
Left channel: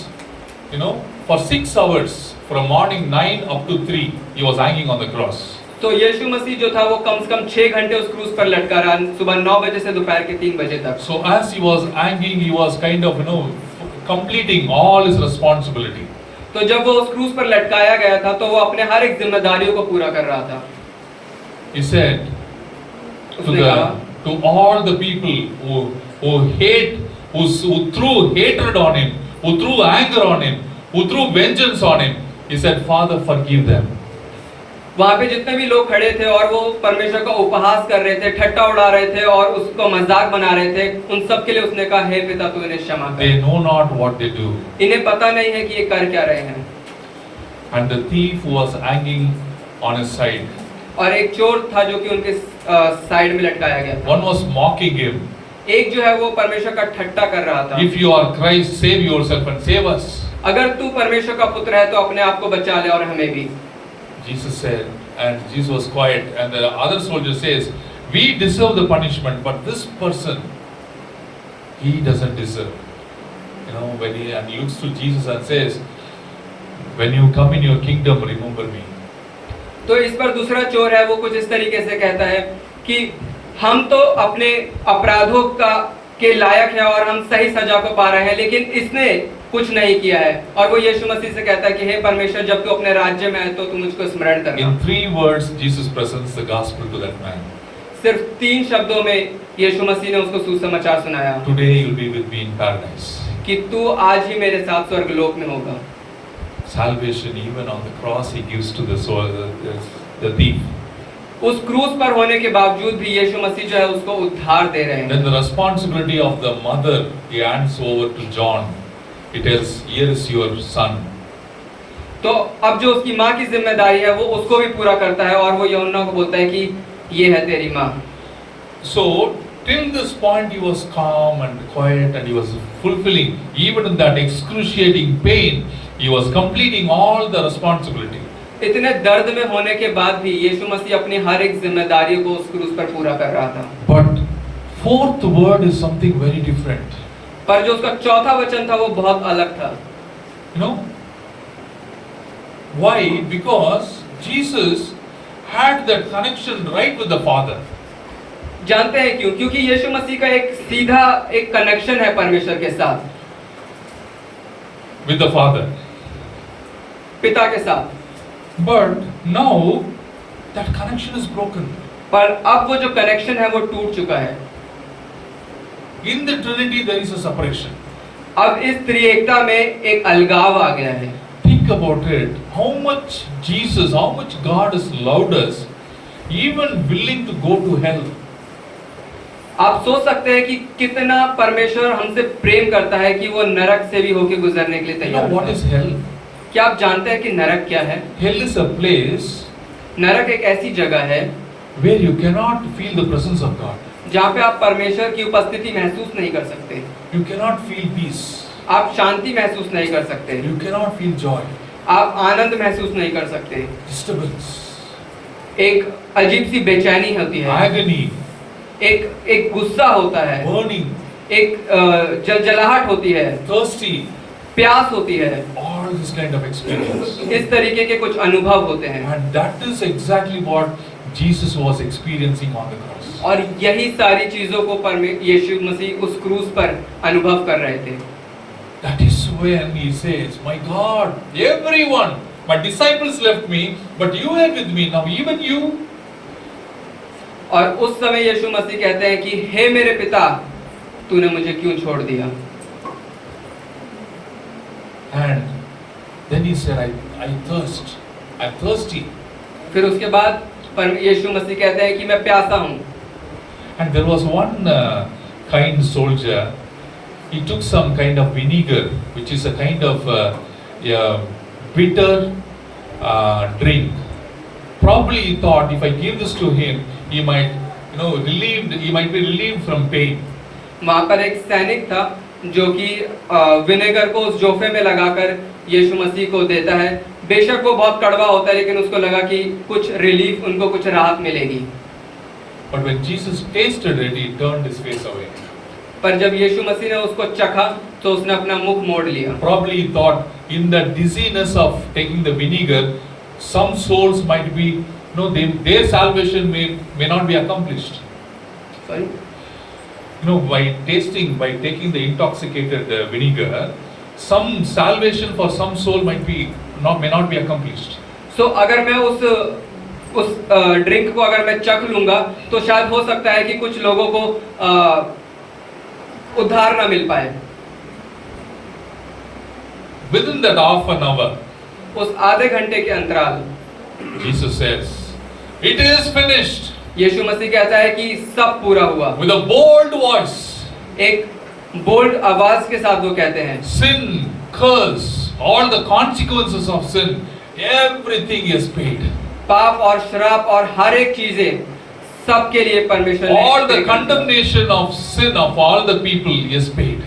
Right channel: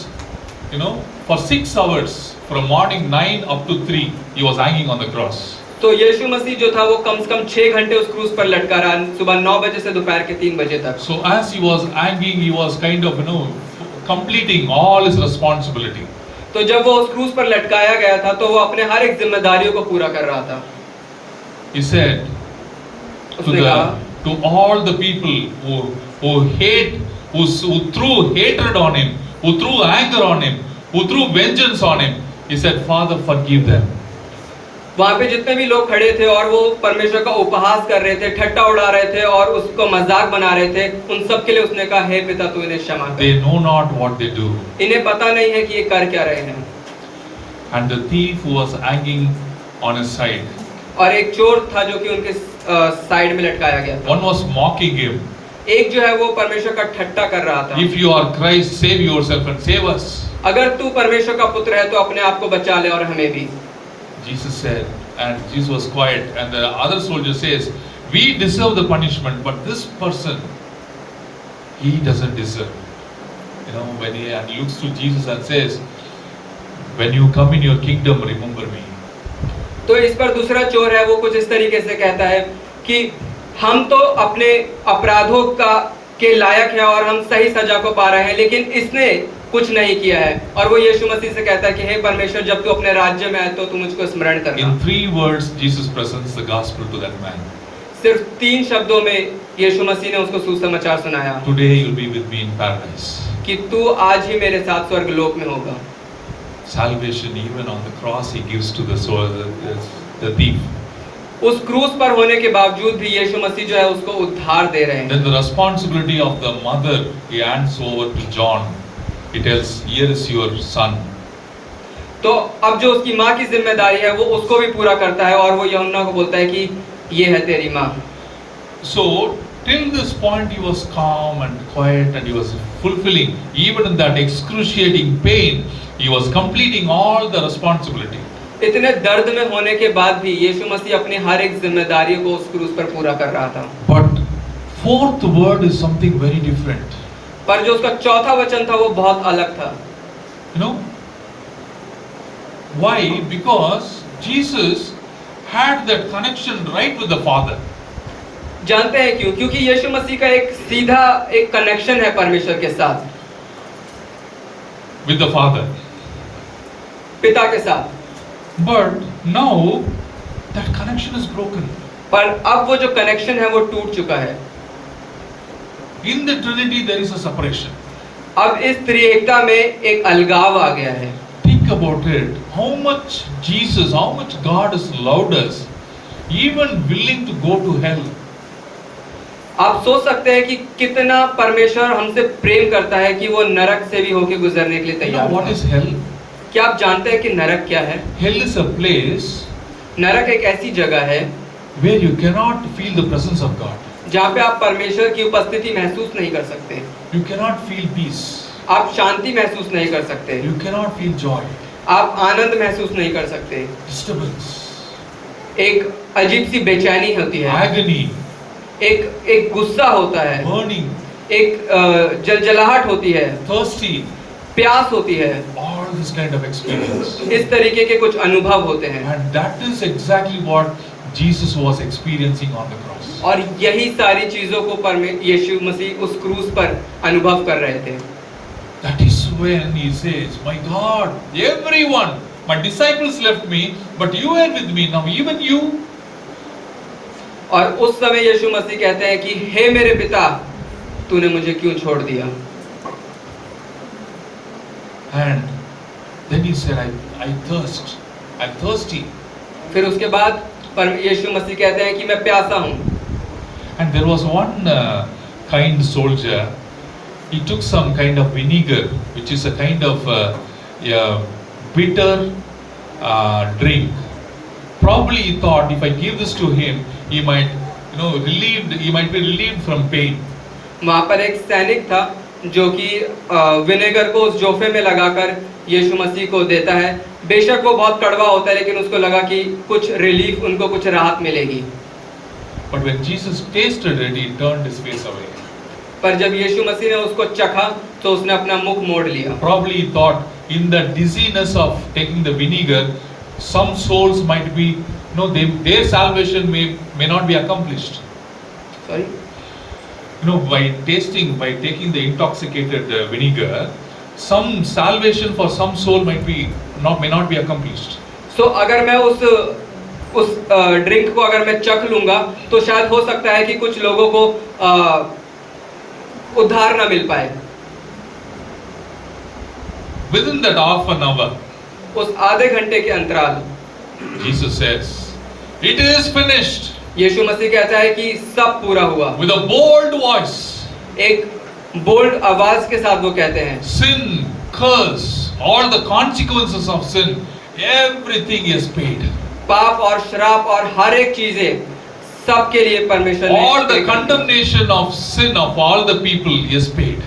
for 6 hours, from morning 9 up to 3, he was hanging on the cross. तो यीशु मसीह जो था वो कम से कम 6 घंटे उस क्रूस पर लटका रहा, सुबह 9 बजे से दोपहर के 3 बजे तक। So as he was hanging, he was kind of, completing all his responsibility. तो जब वो उस क्रूस पर लटकाया गया था तो वो अपने हर एक जिम्मेदारियों को पूरा कर रहा था। He said उसने कहा to all the people who hate, who threw hatred on him, who threw anger on him, who threw vengeance on him, he said, Father, forgive them. वहाँ पे जितने भी लोग खड़े थे और वो परमेश्वर का उपहास कर रहे थे, ठट्टा उड़ा रहे थे और उसको मजाक बना रहे थे, उन सब के लिए उसने कहा, हे पिता तू इन्हें क्षमा कर। They know not what they do. इन्हें पता नहीं है कि ये कर क्या रहे हैं। And the thief who was hanging on his side, और एक चोर था जो कि उनके साइड में लटकाया गया था। one was mocking him. एक जो है वो परमेश्वर का ठट्टा कर रहा था। If you are Christ, save yourself and save us. अगर तू परमेश्वर का पुत्र है तो अपने आप को बचा ले और हमें भी। Jesus said, and Jesus was quiet, and the other soldier says, we deserve the punishment, but this person, he doesn't deserve. When he looks to Jesus and says, when you come in your kingdom, remember me. तो इस पर दूसरा चोर है वो कुछ इस तरीके से कहता है कि हम तो अपने अपराधों के लायक हैं और हम सही सजा को पा रहे हैं, लेकिन इसने कुछ नहीं किया है। और वो यीशु मसीह से कहता है कि हे परमेश्वर, जब तू अपने राज्य में है तो तू मुझको स्मरण करना। In 3 words, Jesus presents the gospel to that man. सिर्फ 3 शब्दों में यीशु मसीह ने उसको सुसमाचार सुनाया। Today you'll be with me in paradise. कि तू आज ही मेरे साथ स्वर्गलोक में होगा। Salvation, even on the cross, he gives to the soul, the thief. उस क्रूस पर होने के बावजूद भी यीशु मसीह जो है उसको उद्धार दे रहे हैं। Then the responsibility of the mother, he hands over to John. He tells, here is your son. तो अब जो उसकी माँ की जिम्मेदारी है वो उसको भी पूरा करता है और वो यूहन्ना को बोलता है कि ये है तेरी माँ। So till this point he was calm and quiet and he was fulfilling, even in that excruciating pain, he was completing all the responsibility. इतने दर्द में होने के बाद भी यीशु मसीह अपनी हर एक जिम्मेदारी को उस क्रूस पर पूरा कर रहा था। But fourth word is something very different. पर जो उसका चौथा वचन था वो बहुत अलग था। Why? Because Jesus had that connection right with the Father. जानते हैं क्यों? क्योंकि यीशु मसीह का एक सीधा एक कनेक्शन है परमेश्वर के साथ, With the Father. पिता के साथ। But now that connection is broken. पर अब वो जो कनेक्शन है वो टूट चुका है। In the Trinity there is a separation. अब इस त्रिएकता में एक अलगाव आ गया है। Think about it. How much Jesus, how much God has loved us, even willing to go to hell. आप सोच सकते हैं कि कितना परमेश्वर हमसे प्रेम करता है कि वो नरक से भी होके गुजरने के लिए You know तैयार what है। is hell? क्या आप जानते हैं कि नरक क्या है? Hell is a place नरक एक ऐसी जगह है where you cannot feel the presence of God. जहाँ पे आप परमेश्वर की उपस्थिति महसूस नहीं कर सकते, You cannot feel peace. आप शांति महसूस नहीं कर सकते, You cannot feel joy. आप आनंद महसूस नहीं कर सकते। Disturbance. एक अजीब सी बेचैनी होती है, Agony. एक गुस्सा होता है, Burning. एक जलजलाहट होती है, Thirsty. प्यास होती है। All this kind of experience. इस तरीके के कुछ अनुभव होते हैं And that is exactly what Jesus was experiencing on the cross. और यही सारी चीजों को यीशु मसीह उस क्रूस पर अनुभव कर रहे थे। That is when he says, my God, everyone, my disciples left me, but you are with me now, even you. और उस समय यीशु मसीह कहते हैं कि हे मेरे पिता, तूने मुझे क्यों छोड़ दिया? And then he said, I thirst, I'm thirsty. फिर उसके बाद यीशु मसीह कहते हैं कि मैं प्यासा हूँ। And there was one kind soldier, he took some kind of vinegar, which is a kind of bitter drink. Probably he thought, if I give this to him, he might, he might be relieved from pain. वहाँ पर एक सैनिक था जो कि vinegar को उस जोफे में लगाकर यीशु मसीह को देता है। बेशक वो बहुत कड़वा होता है, लेकिन उसको लगा कि कुछ रिलीफ, उनको कुछ राहत मिलेगी। But when Jesus tasted it, he turned his face away. पर जब यीशु मसीह ने उसको चखा तो उसने अपना मुख मोड़ लिया। Probably he thought in the dizziness of taking the vinegar, some souls might be, their salvation may not be accomplished. Sorry? By taking the intoxicated vinegar, some salvation for some soul may not be accomplished. So अगर मैं उस drink को अगर मैं चख लूंगा तो शायद हो सकता है कि कुछ लोगों को उद्धार ना मिल पाए। Within that half an hour, उस आधे घंटे के अंतराल Jesus says, "It is finished." यीशु मसीह कहता है कि सब पूरा हुआ। With a bold voice, एक बोल्ड आवाज के साथ वो कहते हैं, sin, curse, all the consequences of sin, everything is paid. पाप और श्राप और हर एक चीजें सबके लिए परमेश्वर ने All the condemnation of sin of all the people is paid.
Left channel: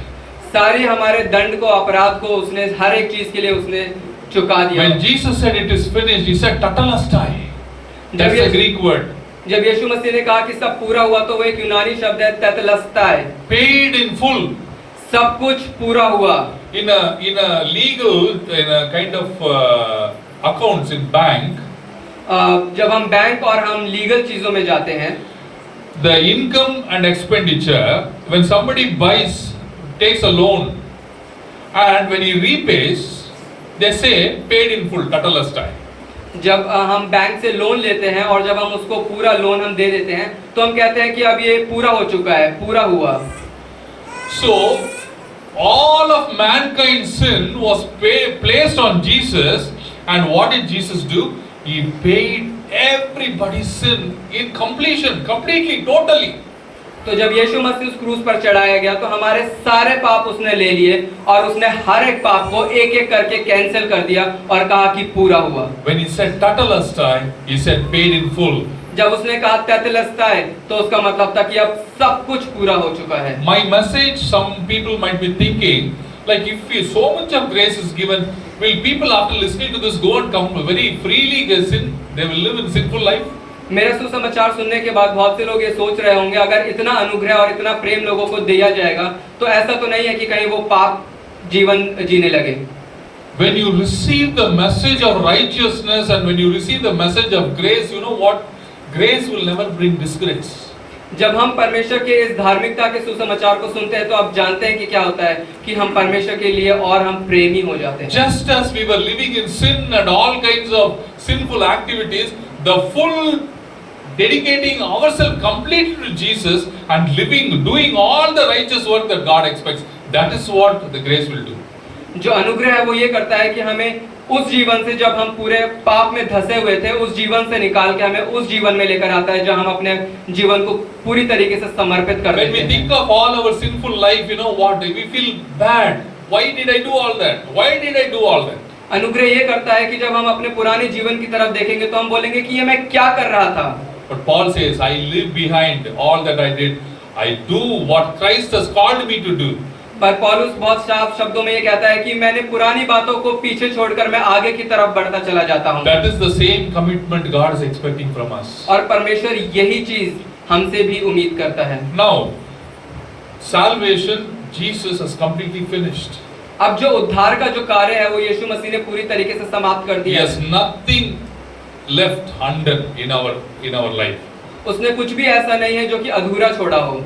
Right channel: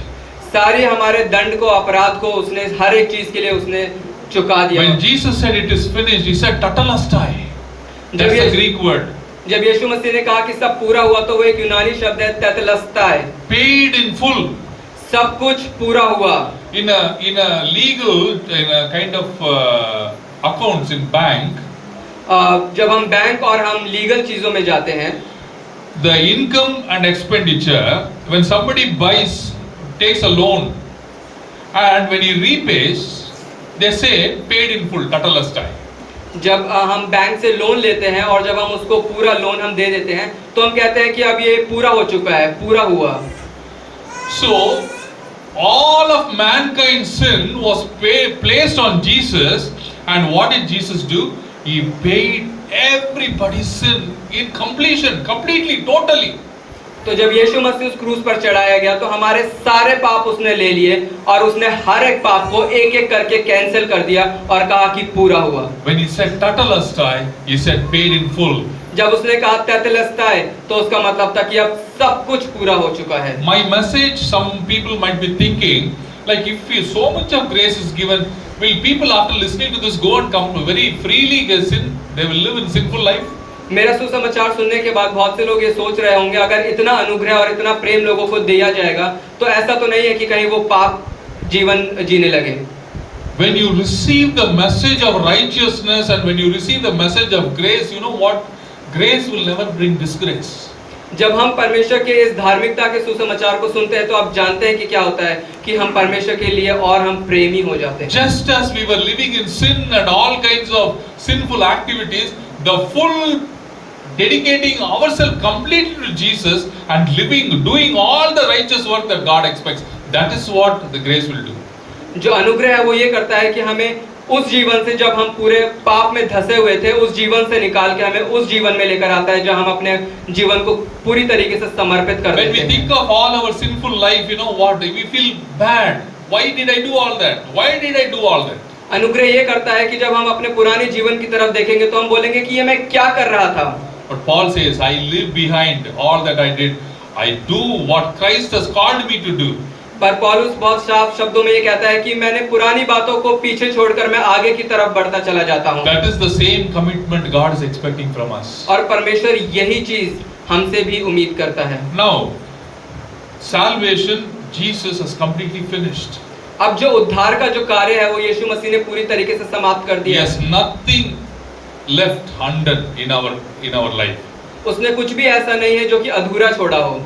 सारे हमारे दंड को, अपराध को उसने हर एक चीज के लिए उसने चुका दिया। When Jesus said it is finished, he said tatalestai. That's a Greek word. जब यीशु मसीह ने कहा कि सब पूरा हुआ तो वो एक यूनानी शब्द है तेतेलस्tai। Paid in full. सब कुछ पूरा हुआ। In a legal, in a kind of accounts in bank, जब हम बैंक और हम लीगल चीजों में जाते हैं, the income and expenditure, when somebody takes a loan, and when he repays, they say paid in full, tatalestai. जब हम बैंक से लोन लेते हैं और जब हम उसको पूरा लोन हम दे देते हैं तो हम कहते हैं कि अब ये पूरा हो चुका है, पूरा हुआ। So all of mankind's sin was placed on Jesus, and what did Jesus do? He paid everybody's sin in completion, completely, totally. तो जब यीशु मसीह उस क्रूस पर चढ़ाया गया तो हमारे सारे पाप उसने ले लिए और उसने हर एक पाप को एक एक करके कैंसिल कर दिया और कहा कि पूरा हुआ। When he said tatalestai, he said paid in full. जब उसने कहा तेतेलस्tai तो उसका मतलब था कि अब सब कुछ पूरा हो चुका है। My message, some people might be thinking, like if so much of grace is given, will people after listening to this go and come very freely sin? They will live in sinful life? मेरा सुसमाचार सुनने के बाद बहुत से लोग ये सोच रहे होंगे, अगर इतना अनुग्रह और इतना प्रेम लोगों को दिया जाएगा तो ऐसा तो नहीं है कि कहीं वो पाप जीवन जीने लगे। When you receive the message of righteousness and when you receive the message of grace, you know what? Grace will never bring disgrace. जब हम परमेश्वर के इस धार्मिकता के सुसमाचार को सुनते हैं तो आप जानते हैं कि क्या होता है कि हम परमेश्वर के लिए और हम प्रेमी हो जाते हैं। Just as we were living in sin and all kinds of sinful activities, the full dedicating ourselves completely to Jesus and doing all the righteous work that God expects, that is what the grace will do. जो अनुग्रह है वो ये करता है कि हमें उस जीवन से, जब हम पूरे पाप में धंसे हुए थे, उस जीवन से निकाल के हमें उस जीवन में लेकर आता है जहां हम अपने जीवन को पूरी तरीके से समर्पित कर देते हैं। When we think of all our sinful life, you know what? We feel bad. Why did I do all that? Why did I do all that? अनुग्रह ये करता है कि जब हम अपने पुराने जीवन की तरफ देखेंगे तो हम बोलेंगे कि ये मैं क्या कर रहा था। But Paul says, I leave behind all that I did. I do what Christ has called me to do. पर पौलुस बहुत साफ शब्दों में ये कहता है कि मैंने पुरानी बातों को पीछे छोड़कर मैं आगे की तरफ बढ़ता चला जाता हूँ। That is the same commitment God is expecting from us. और परमेश्वर यही चीज हमसे भी उम्मीद करता है। Now, salvation, Jesus has completely finished. अब जो उद्धार का जो कार्य है वो यीशु मसीह ने पूरी तरीके से समाप्त कर He दिया। has nothing left undone in our life. उसने कुछ भी ऐसा नहीं है जो कि अधूरा छोड़ा हो।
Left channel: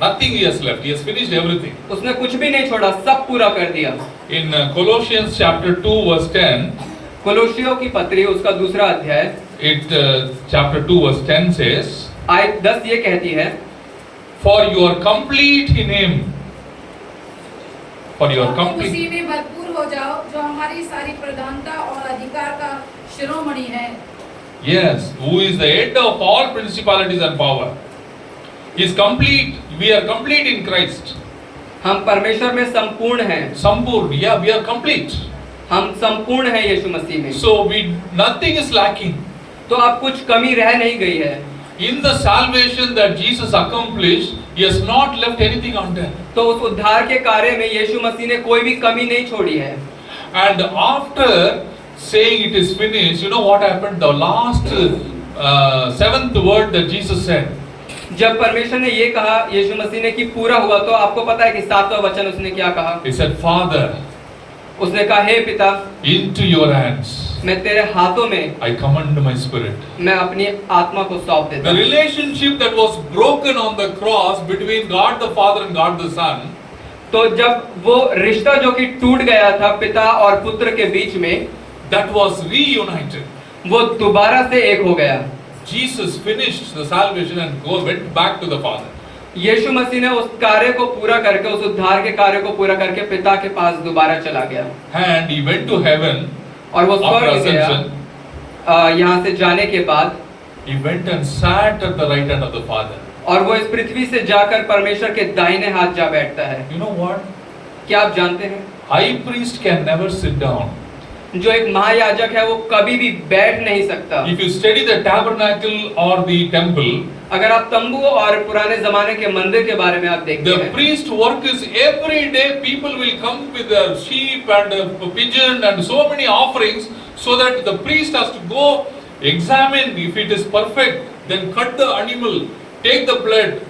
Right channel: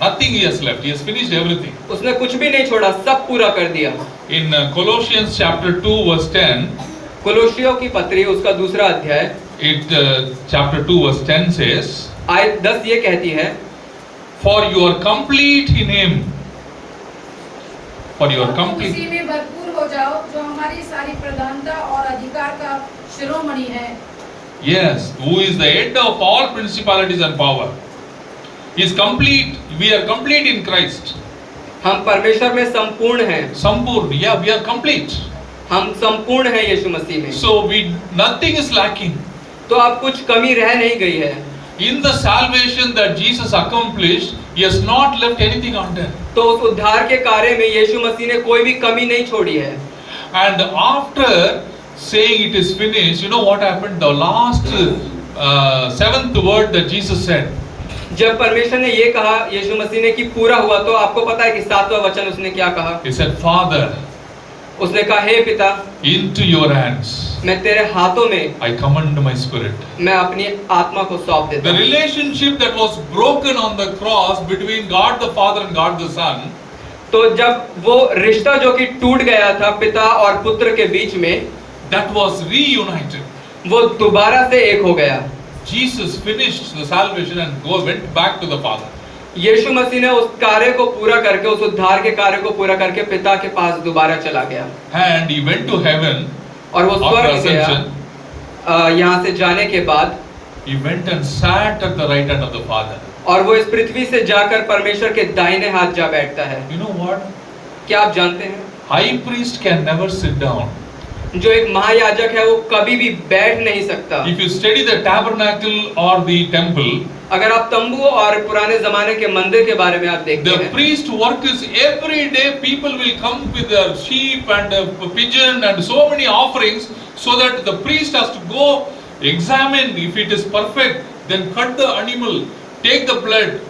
Nothing he has left. He has finished everything. उसने कुछ भी नहीं छोड़ा, सब पूरा कर दिया। In Colossians chapter 2 verse 10, कोलोसियों की पत्री उसका दूसरा अध्याय chapter 2 verse 10 says, आयत 10 ये कहती है, for you are complete in him. For you are और तुम complete. उसी में भरपूर हो जाओ जो हमारी सारी प्रधानता और अधिकार का शिरोमणि है। Yes, who is the head of all principalities and power. He is complete. We are complete in Christ. हम परमेश्वर में संपूर्ण हैं। Sampurna. Yeah, we are complete. हम संपूर्ण हैं यीशु मसीह में। So nothing is lacking. तो अब कुछ कमी रह नहीं गई है। In the salvation that Jesus accomplished, He has not left anything undone. तो उस उद्धार के कार्य में यीशु मसीह ने कोई भी कमी नहीं छोड़ी है। And after saying it is finished, you know what happened? The last seventh word that Jesus said. जब परमेश्वर ने ये कहा यीशु मसीह ने कि पूरा हुआ, तो आपको पता है कि 7वां वचन उसने क्या कहा? He said, Father, उसने कहा, हे पिता, into your hands मैं तेरे हाथों में I commend my spirit. मैं अपनी आत्मा को सौंप देता The हूँ। relationship that was broken on the cross between God the Father and God the Son, तो जब वो रिश्ता जो कि टूट गया था पिता और पुत्र के बीच में, that was reunited. वो दोबारा से एक हो गया। Jesus finished the salvation and went back to the Father. यीशु मसीह ने उस कार्य को पूरा करके, उस उद्धार के कार्य को पूरा करके पिता के पास दोबारा चला गया। And He went to heaven और वो after स्वर्ग ascension. गया। यहाँ से जाने के बाद He went and sat at the right hand of the Father. और वो इस पृथ्वी से जाकर परमेश्वर के दाहिने हाथ जा बैठता है। You know what? क्या आप जानते हैं? High priest can never sit down. जो एक महायाजक है वो कभी भी बैठ नहीं सकता। If you study the tabernacle or the temple, अगर आप तंबू और पुराने जमाने के मंदिर के बारे में आप देखते the हैं, priest work is every day people will come with their sheep and a pigeon and so many offerings, so that the priest has to go examine if it is perfect, then cut the animal, take the blood,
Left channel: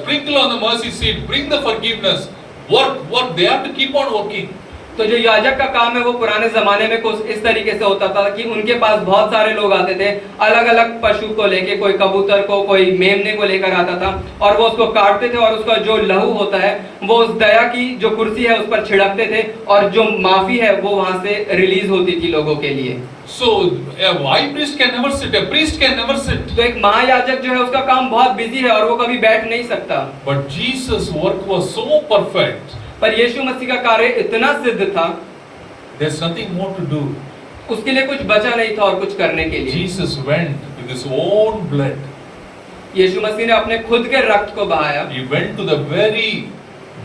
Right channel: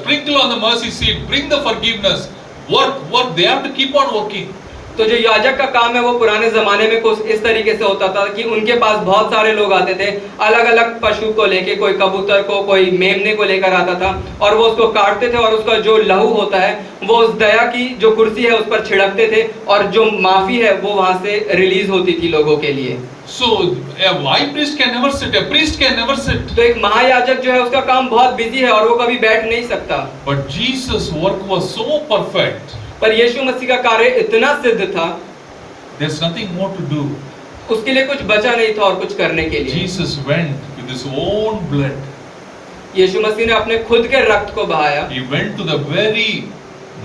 sprinkle on the mercy seat, bring the forgiveness, work, they have to keep on working. तो जो याजक का काम है वो पुराने जमाने में कुछ इस तरीके से होता था कि उनके पास बहुत सारे लोग आते थे, अलग अलग पशु को लेके, कोई कबूतर को, कोई मेमने को लेकर आता था और वो उसको काटते थे और उसका जो लहू होता है वो उस दया की जो कुर्सी है उस पर छिड़कते थे और जो माफी है वो वहां से रिलीज होती थी लोगों के लिए। So a high priest can never sit, a priest can never sit. तो एक महायाजक जो है उसका काम बहुत बिजी है और वो कभी बैठ नहीं सकता। But Jesus' work was so perfect, पर यीशु मसीह का कार्य इतना सिद्ध था, there's nothing more to do. उसके लिए कुछ बचा नहीं था और कुछ करने के लिए। Jesus went with his own blood. यीशु मसीह ने अपने खुद के रक्त को बहाया He went to the very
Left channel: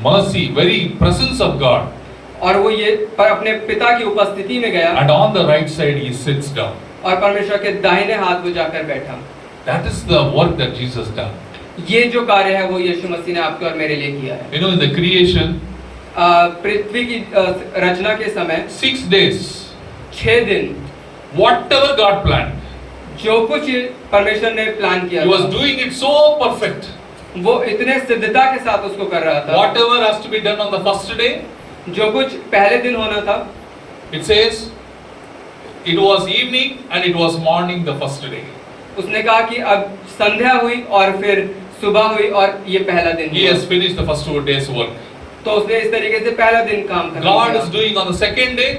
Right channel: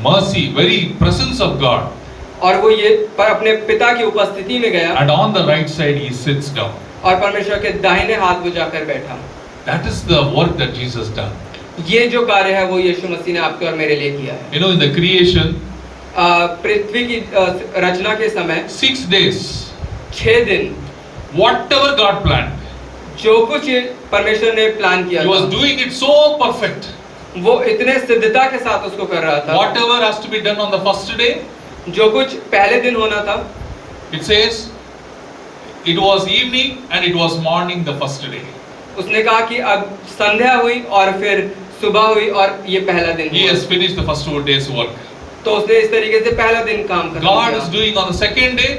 mercy, very presence of God. और वो ये पर अपने पिता की उपस्थिति में गया And on the right side he sits down. और परमेश्वर के दाहिने हाथ वो जाकर बैठा। That is the work that Jesus done. ये जो कार्य है वो यीशु मसीह ने आपके और मेरे लिए किया है। You know, in the creation, पृथ्वी की रचना के समय 6 days, 6 दिन whatever God planned, जो कुछ परमेश्वर ने प्लान किया He was था, doing it so perfect. वो इतने सिद्धता के साथ उसको कर रहा था। Whatever has to be done on the first day, जो कुछ पहले दिन होना था, it says, it was evening and it was morning the first day. उसने कहा कि अब संध्या हुई और फिर सुबह हुई और ये पहला दिन He हुआ। has finished the first 2 days work. तो उसने इस तरीके से पहला दिन काम खत्म God किया। is doing on the second day,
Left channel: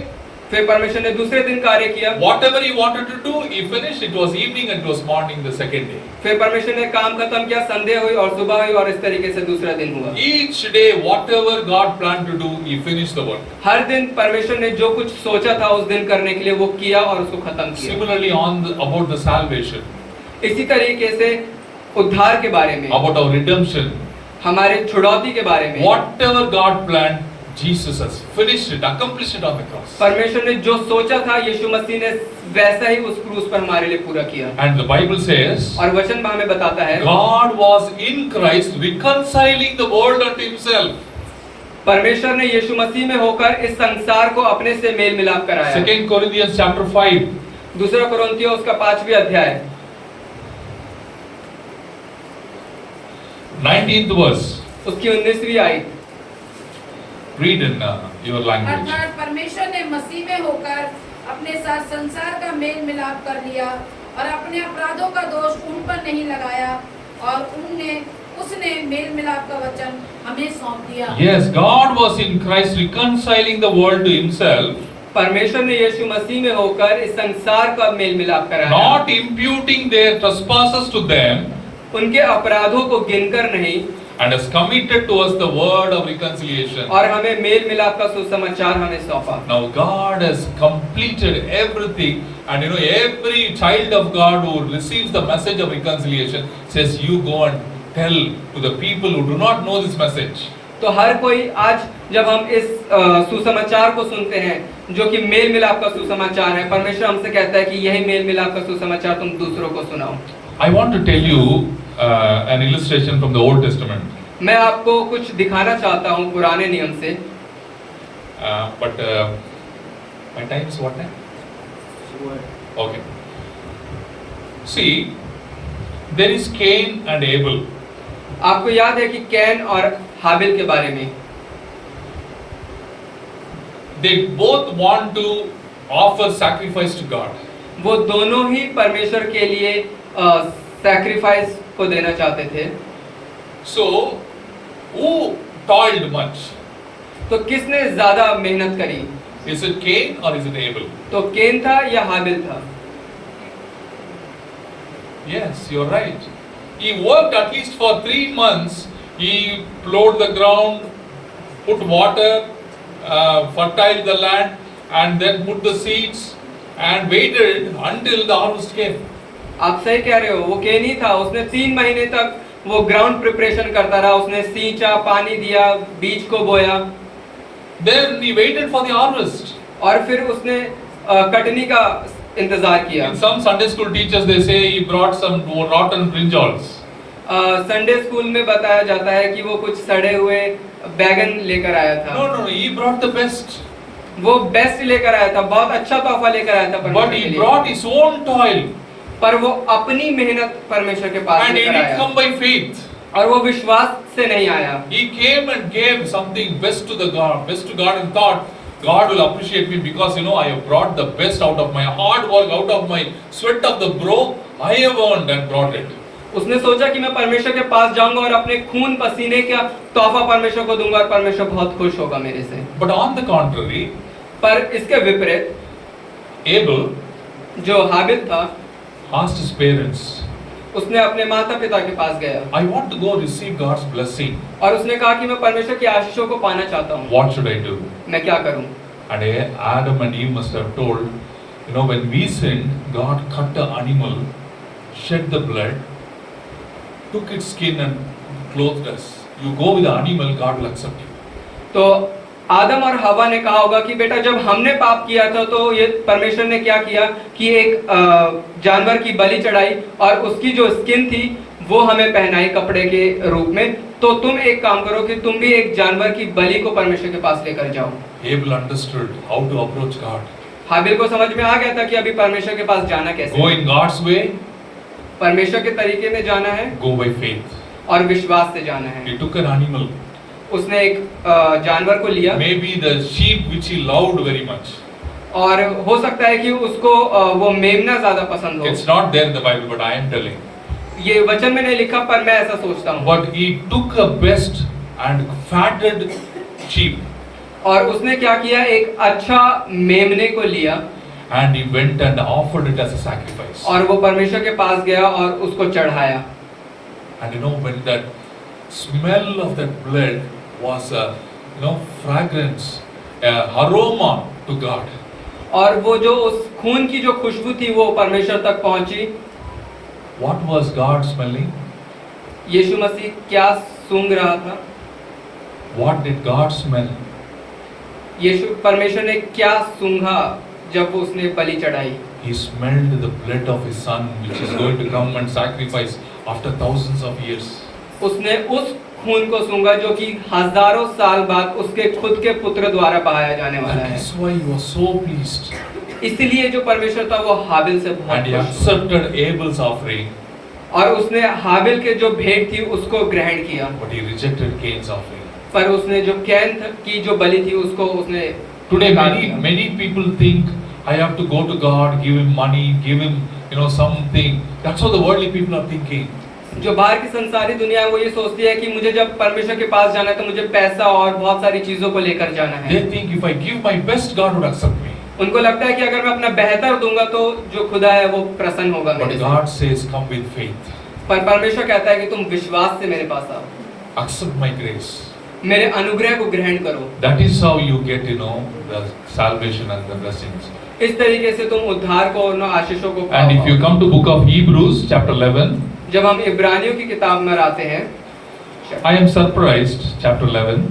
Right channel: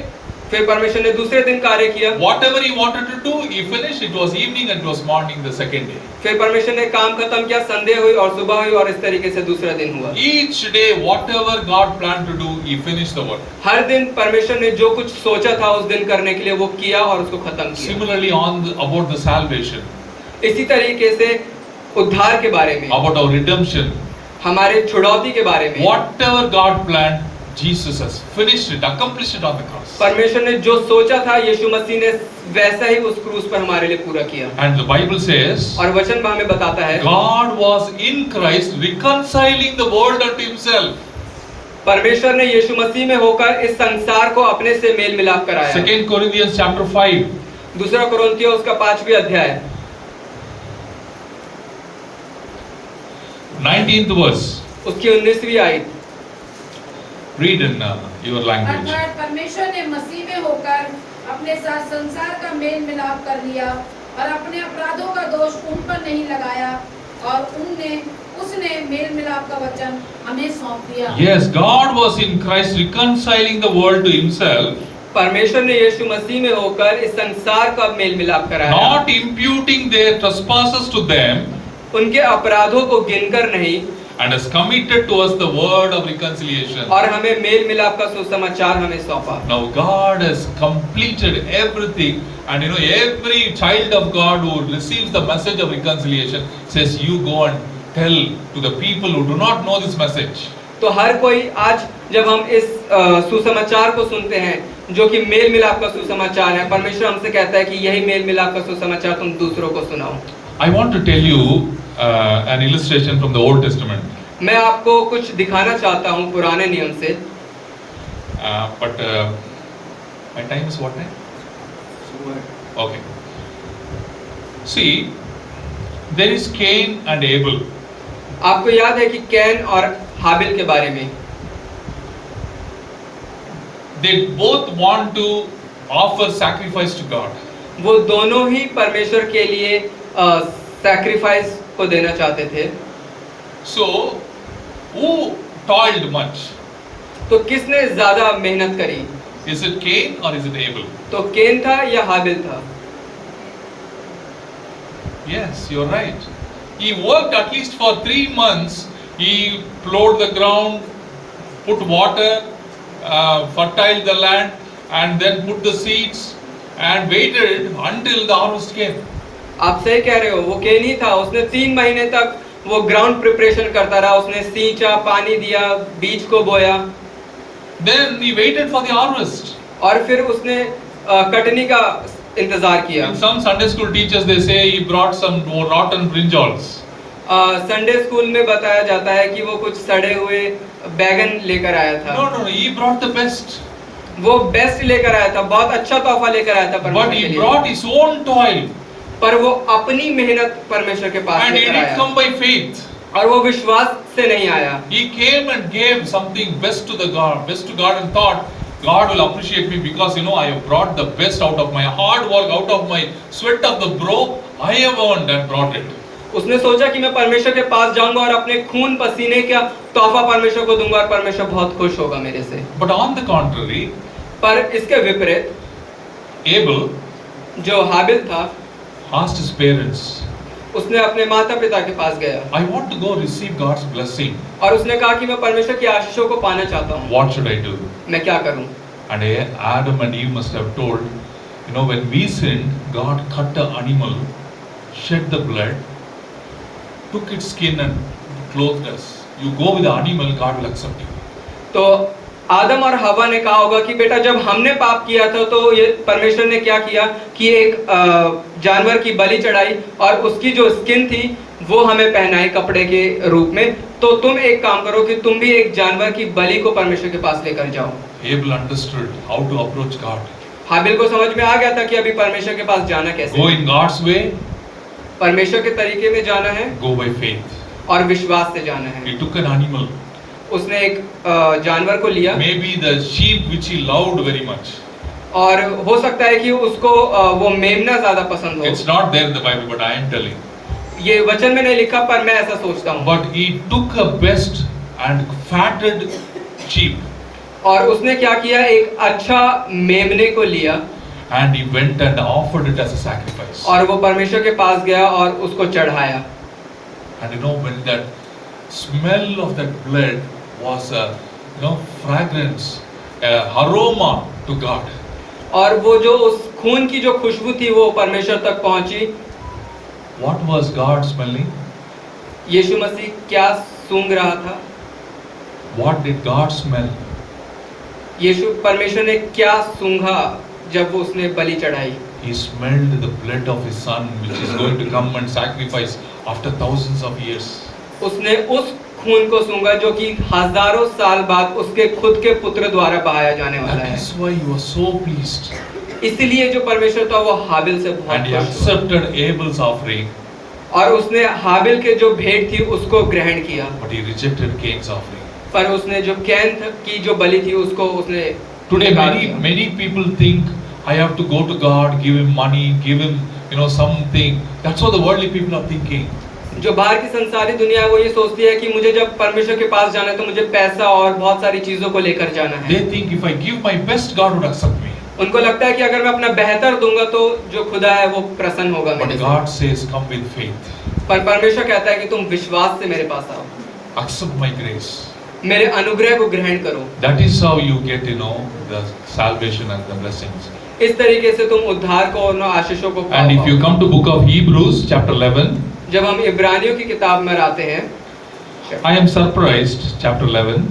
फिर परमेश्वर ने दूसरे दिन कार्य किया। whatever He wanted to do, He finished. It was evening and it was morning the second day. फिर परमेश्वर ने काम खत्म किया, संध्या हुई और सुबह हुई और इस तरीके से दूसरा दिन हुआ। Each day, whatever God planned to do, He finished the work. हर दिन परमेश्वर ने जो कुछ सोचा था उस दिन करने के लिए वो किया और उसको खत्म किया। Similarly, about the salvation, इसी तरीके से उद्धार के बारे में, about our redemption, हमारे छुड़ौती के बारे में, whatever God planned, Jesus has finished it, accomplished it on the cross. परमेश्वर ने जो सोचा था यीशु मसीह ने वैसा ही उस क्रूस पर हमारे लिए पूरा किया। And the Bible says, और वचन हमें बताता है God was in Christ reconciling the world unto Himself. परमेश्वर ने यीशु मसीह में होकर इस संसार को अपने से मेल मिलाप कराया। 2 Corinthians chapter 5, दूसरा कोरिन्थियों उसका 5वां अध्याय 19th verse. उसकी 19वीं आयत। Read in your language. अर्थात परमेश्वर ने मसीह में होकर अपने साथ संसार का मेल मिलाप कर लिया और अपने अपराधों का दोष उन पर नहीं लगाया और उसने मेल मिलाप का वचन हमें सौंप दिया। Yes, God was in Christ reconciling the world to Himself, परमेश्वर ने यीशु मसीह में होकर इस संसार का मेल मिलाप कराया, not imputing their trespasses to them, उनके अपराधों को गिनकर नहीं, and has committed to us the word of reconciliation. और हमें मेल मिलाप का सुसमाचार हमें सौंपा। Now God has completed everything, and you know, every child of God who receives the message of reconciliation says, you go and tell to the people who do not know this message. तो हर कोई आज जब हम इस सुसमाचार को सुनते हैं जो कि मेल मिलाप का सुसमाचार है, परमेश्वर हमसे कहता है कि यही मेल मिलाप का सुसमाचार तुम दूसरों को सुनाओ। I want to tell you an illustration from the Old Testament. मैं आपको कुछ दिखाना चाहता हूँ पुराने नियम से। But my time is what time? Okay. See, there is Cain and Abel. आपको याद है कि कैन और हाबिल के बारे में They both want to offer sacrifice to God. वो दोनों ही परमेश्वर के लिए सैक्रिफाइस को देना चाहते थे। So, who toiled much? तो किसने ज्यादा मेहनत करी? Is it Cain or is it Abel? तो कैन था या हाबिल था? Yes, you're right. He worked at least for 3 months. He plowed the ground, put water, fertilized the land, and then put the seeds and waited until the harvest came. आप सही कह रहे हो, वो कैन ही था। उसने 3 महीने तक वो ग्राउंड प्रिपरेशन करता रहा। उसने सींचा, पानी दिया, बीज को बोया, Then he waited for the harvest. और फिर उसने कटनी का इंतजार किया। In some Sunday school teachers they say he brought some rotten brinjals. Sunday school में बताया जाता है कि वो कुछ सड़े हुए बैगन लेकर आया था। No, he brought the best. वो बेस्ट लेकर आया था, बहुत अच्छा तोहफा लेकर आया था परमेश्वर But के he लिए। brought his own toil. पर वो अपनी मेहनत परमेश्वर के पास And he लेकर didn't आया, come by faith. और वो विश्वास से नहीं आया। He came and gave something best to God and thought, God will appreciate me because I have brought the best out of my hard work, out of my sweat of the brow, I have earned and brought it. उसने सोचा कि मैं परमेश्वर के पास जाऊंगा और अपने खून पसीने का तोहफा परमेश्वर को दूंगा और परमेश्वर बहुत खुश होगा मेरे से। But on the contrary, पर इसके विपरीत Abel जो हाबिल था, asked his parents, उसने अपने माता पिता के पास गया I want to go receive God's blessing. और उसने कहा कि मैं परमेश्वर की आशीषों को पाना चाहता हूँ, What should I do? मैं क्या करूँ? And Adam and Eve must have told, when we sinned, God cut the animal, shed the blood, took its skin and clothed us. You go with the animal, God will accept you. तो आदम और हवा ने कहा होगा कि बेटा जब हमने पाप किया था तो ये परमेश्वर ने क्या किया कि एक जानवर की बलि चढ़ाई और उसकी जो स्किन थी वो हमें पहनाई कपड़े के रूप में। तो तुम एक काम करो कि तुम भी एक जानवर की बलि को परमेश्वर के पास लेकर जाओ। Abel understood how to approach God. हाबिल को समझ में आ गया था कि अभी परमेश्वर के पास जाना कैसे Go है। in God's way, परमेश्वर के तरीके में जाना है go by faith. और विश्वास से जाना है। He took an animal, उसने एक जानवर को लिया maybe the sheep which he loved very much. और हो सकता है कि उसको वो मेमना ज्यादा पसंद It's हो। not there in the Bible, but I am telling. ये वचन में नहीं लिखा पर मैं ऐसा सोचता हूँ। But he took a best and fatted sheep और उसने क्या किया, एक अच्छा मेमने को लिया and he went and offered it as a sacrifice. और वो परमेश्वर के पास गया और उसको चढ़ाया। And when that smell of that blood was a fragrance, a aroma to God. और वो जो उस खून की जो खुशबू थी वो परमेश्वर तक पहुंची। What was God smelling? यीशु मसीह क्या सूंघ रहा था? What did God smell? यीशु परमेश्वर ने क्या सूंघा जब उसने बलि चढ़ाई? He smelled the blood of his son which is going to come and sacrifice after thousands of years. उसने उस खून को सूंघा जो कि हजारों साल बाद उसके खुद के पुत्र द्वारा बहाया जाने वाला That है। is why he was so pleased. इसलिए जो परमेश्वर था वो हाबिल से And he बहुत खुश था। accepted Abel's offering, और उसने हाबिल के जो भेंट थी उसको ग्रहण किया, but he rejected Cain's offering. पर उसने जो कैन की जो बलि थी उसको उसने Today नकार दिया। many people think I have to go to God, give him money, give him something. That's what the worldly people are thinking. जो बाहर की संसारी दुनिया है वो ये सोचती है कि मुझे जब परमेश्वर के पास जाना है तो मुझे पैसा और बहुत सारी चीजों को लेकर जाना है। They think if I give my best, God would accept me. उनको लगता है कि अगर मैं अपना बेहतर दूंगा तो जो खुदा है वो प्रसन्न होगा But मेरे से। God says, come with faith. पर परमेश्वर कहता है कि तुम विश्वास से मेरे पास आओ, Accept my grace. मेरे अनुग्रह को ग्रहण करो। That is how you get, the salvation and the blessings. इस तरीके से तुम उद्धार को और आशीषों को And if you पाओ। come to book of Hebrews, chapter 11, जब हम इब्रानियों की किताब में आते हैं, I am surprised, chapter 11,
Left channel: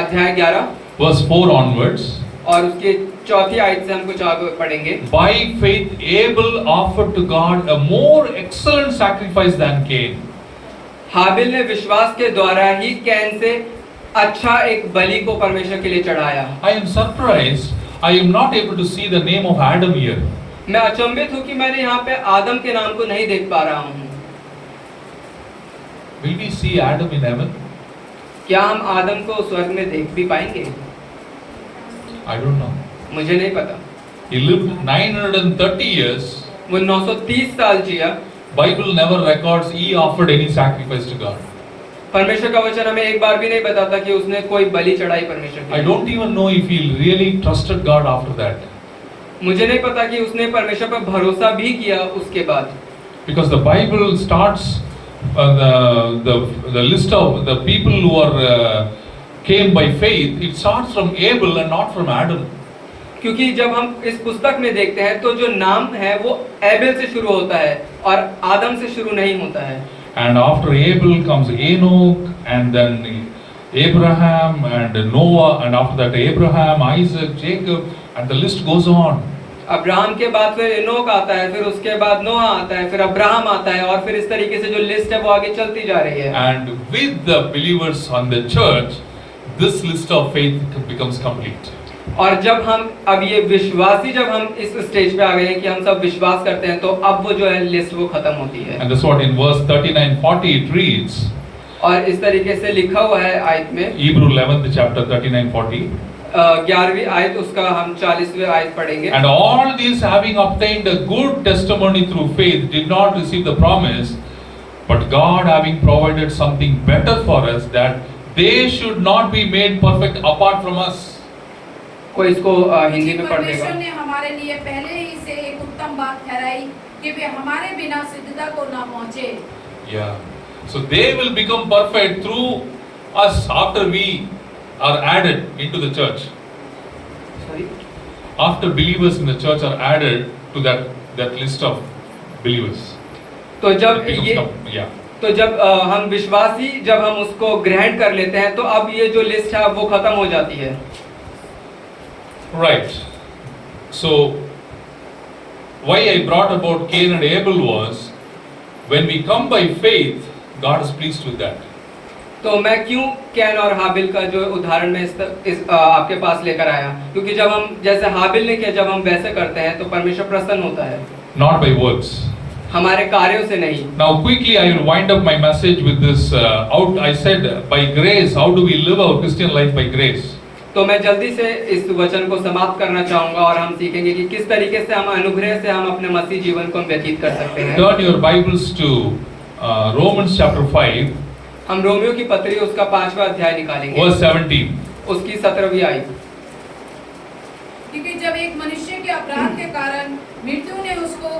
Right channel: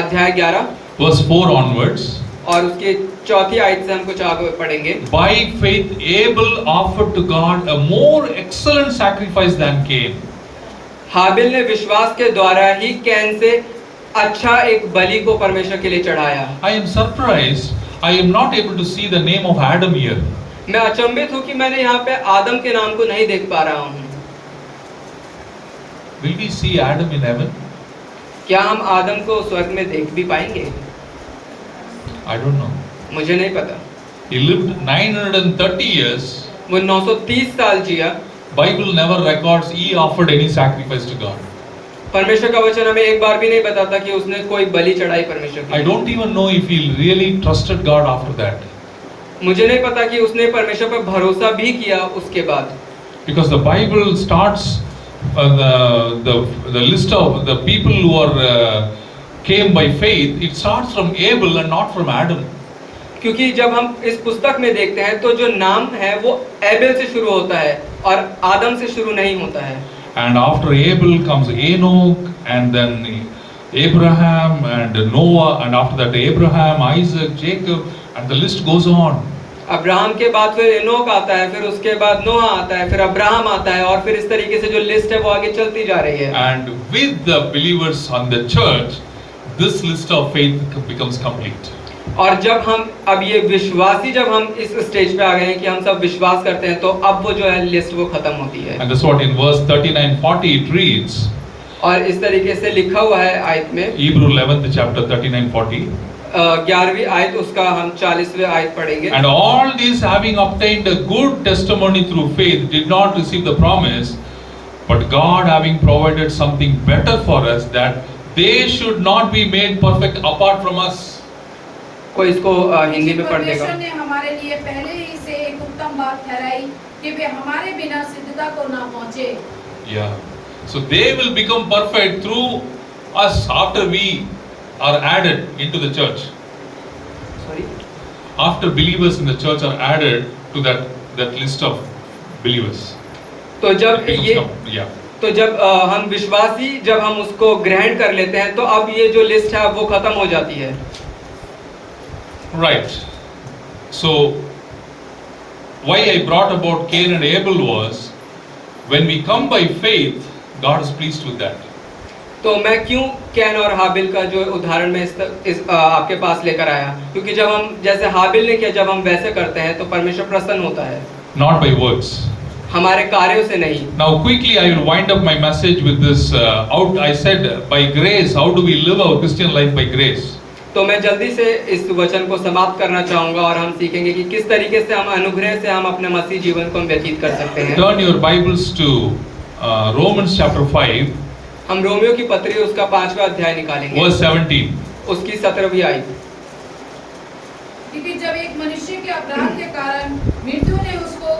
अध्याय 11 verse 4 onwards. और उसकी चौथी आयत से हम कुछ आगे पढ़ेंगे। By faith, Abel offered to God a more excellent sacrifice than Cain. हाबिल ने विश्वास के द्वारा ही कैन से अच्छा एक बलि को परमेश्वर के लिए चढ़ाया। I am surprised. I am not able to see the name of Adam here. मैं अचंभित हूँ कि मैंने यहाँ पे आदम के नाम को नहीं देख पा रहा हूँ। Will we see Adam in heaven? क्या हम आदम को स्वर्ग में देख भी पाएंगे? I don't know. मुझे नहीं पता। He lived 930 years. वो 930 साल जिया। Bible never records he offered any sacrifice to God. परमेश्वर का वचन हमें एक बार भी नहीं बताता कि उसने कोई बलि चढ़ाई परमेश्वर के I लिए। don't even know if he really trusted God after that. मुझे नहीं पता कि उसने परमेश्वर पर भरोसा भी किया उसके बाद। Because the Bible starts the list of the people who are came by faith. It starts from Abel and not from Adam. क्योंकि जब हम इस पुस्तक में देखते हैं तो जो नाम है वो एबेल से शुरू होता है और आदम से शुरू नहीं होता है। And after Abel comes Enoch, and then Abraham and Noah, and after that Abraham, Isaac, Jacob, and the list goes on. Abraham के बाद फिर एनोक आता है, फिर उसके बाद नोहा आता है, फिर अब्राहम आता है और फिर इस तरीके से जो लिस्ट है वो आगे चलती जा रही है। And with the believers on the church, this list of faith becomes complete. और जब हम अब ये विश्वासी जब हम इस स्टेज पे आ गए हैं कि हम सब विश्वास करते हैं तो अब वो जो है लिस्ट वो खत्म होती है। And that's what in verse 39-40 it reads. और इस तरीके से लिखा हुआ है आयत में, Hebrew 11th chapter 39-40. 11वीं आयत उसका हम 40वें आयत पढ़ेंगे। And all these having obtained a good testimony through faith did not receive the promise, but God having provided something better for us, that they should not be made perfect apart from us. कोई इसको हिंदी में पढ़ देगा। परमेश्वर ने हमारे लिए पहले ही से एक उत्तम बात ठहराई कि वे हमारे बिना सिद्धता को ना पहुंचे। Yeah. So they will become perfect through us after we are added into the church. Sorry? After believers in the church are added to that list of believers. तो It जब becomes ये yeah. तो जब हम विश्वासी जब हम उसको ग्रहण कर लेते हैं तो अब ये जो लिस्ट है वो खत्म हो जाती है। Right. So why I brought about Cain and Abel was, when we come by faith, God is pleased with that. तो मैं क्यों कैन और हाबिल का जो उदाहरण मैं इस आपके पास लेकर आया, क्योंकि जब हम जैसे हाबिल ने किया जब हम वैसे करते हैं तो परमेश्वर प्रसन्न होता है, Not by works. हमारे कार्यों से नहीं। Now quickly I will wind up my message with this I said by grace, how do we live our Christian life by grace? तो मैं जल्दी से इस वचन को समाप्त करना चाहूंगा और हम सीखेंगे कि किस तरीके से हम अनुग्रह से हम अपने मसीह जीवन को व्यतीत कर सकते हैं। Turn your Bibles to Romans chapter 5, हम रोमियो की पत्री उसका 5वां अध्याय निकालेंगे, verse 17. उसकी 17वीं आयत। क्योंकि जब एक मनुष्य के अपराध के कारण मृत्यु ने उसको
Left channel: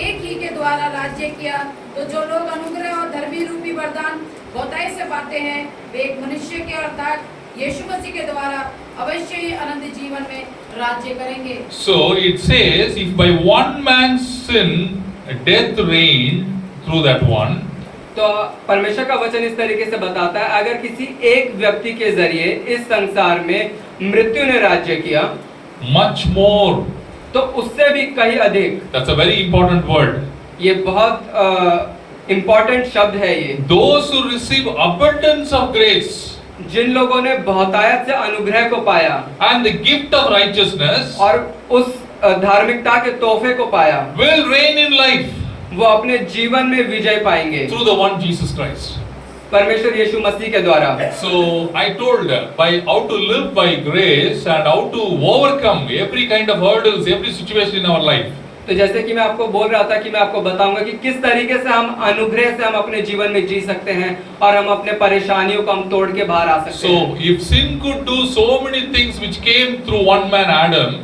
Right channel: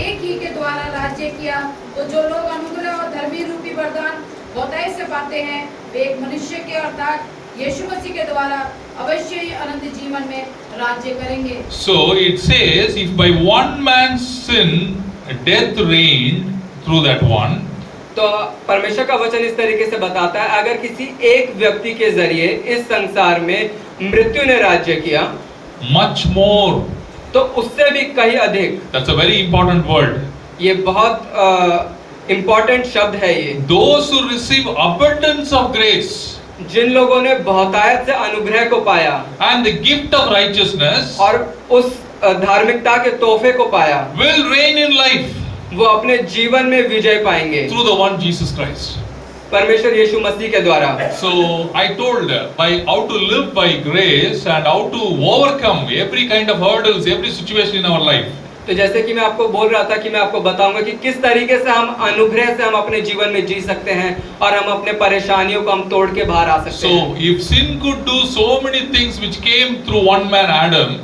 एक ही के द्वारा राज्य किया, तो जो लोग अनुग्रह और धर्मी रूपी वरदान बहुतायत से पाते हैं, वे एक मनुष्य के अर्थात यीशु मसीह के द्वारा अवश्य ही अनंत जीवन में राज्य करेंगे। So it says, if by one man's sin death reigned through that one, तो परमेश्वर का वचन इस तरीके से बताता है, अगर किसी एक व्यक्ति के जरिए इस संसार में मृत्यु ने राज्य किया, much more. तो उससे भी कहीं अधिक। That's a very important word. ये बहुत इम्पोर्टेंट शब्द है ये। Those who receive abundance of grace जिन लोगों ने बहुतायत से अनुग्रह को पाया and the gift of righteousness और उस धार्मिकता के तोहफे को पाया, will reign in life वो अपने जीवन में विजय पाएंगे through the one Jesus Christ. परमेश्वर यीशु मसीह के द्वारा। So I told by how to live by grace and how to overcome every kind of hurdles, every situation in our life. तो जैसे कि मैं आपको बोल रहा था कि मैं आपको बताऊंगा कि किस तरीके से हम अनुग्रह से हम अपने जीवन में जी सकते हैं और हम अपने परेशानियों को हम तोड़ के बाहर आ सकते So हैं। if sin could do so many things which came through one man Adam,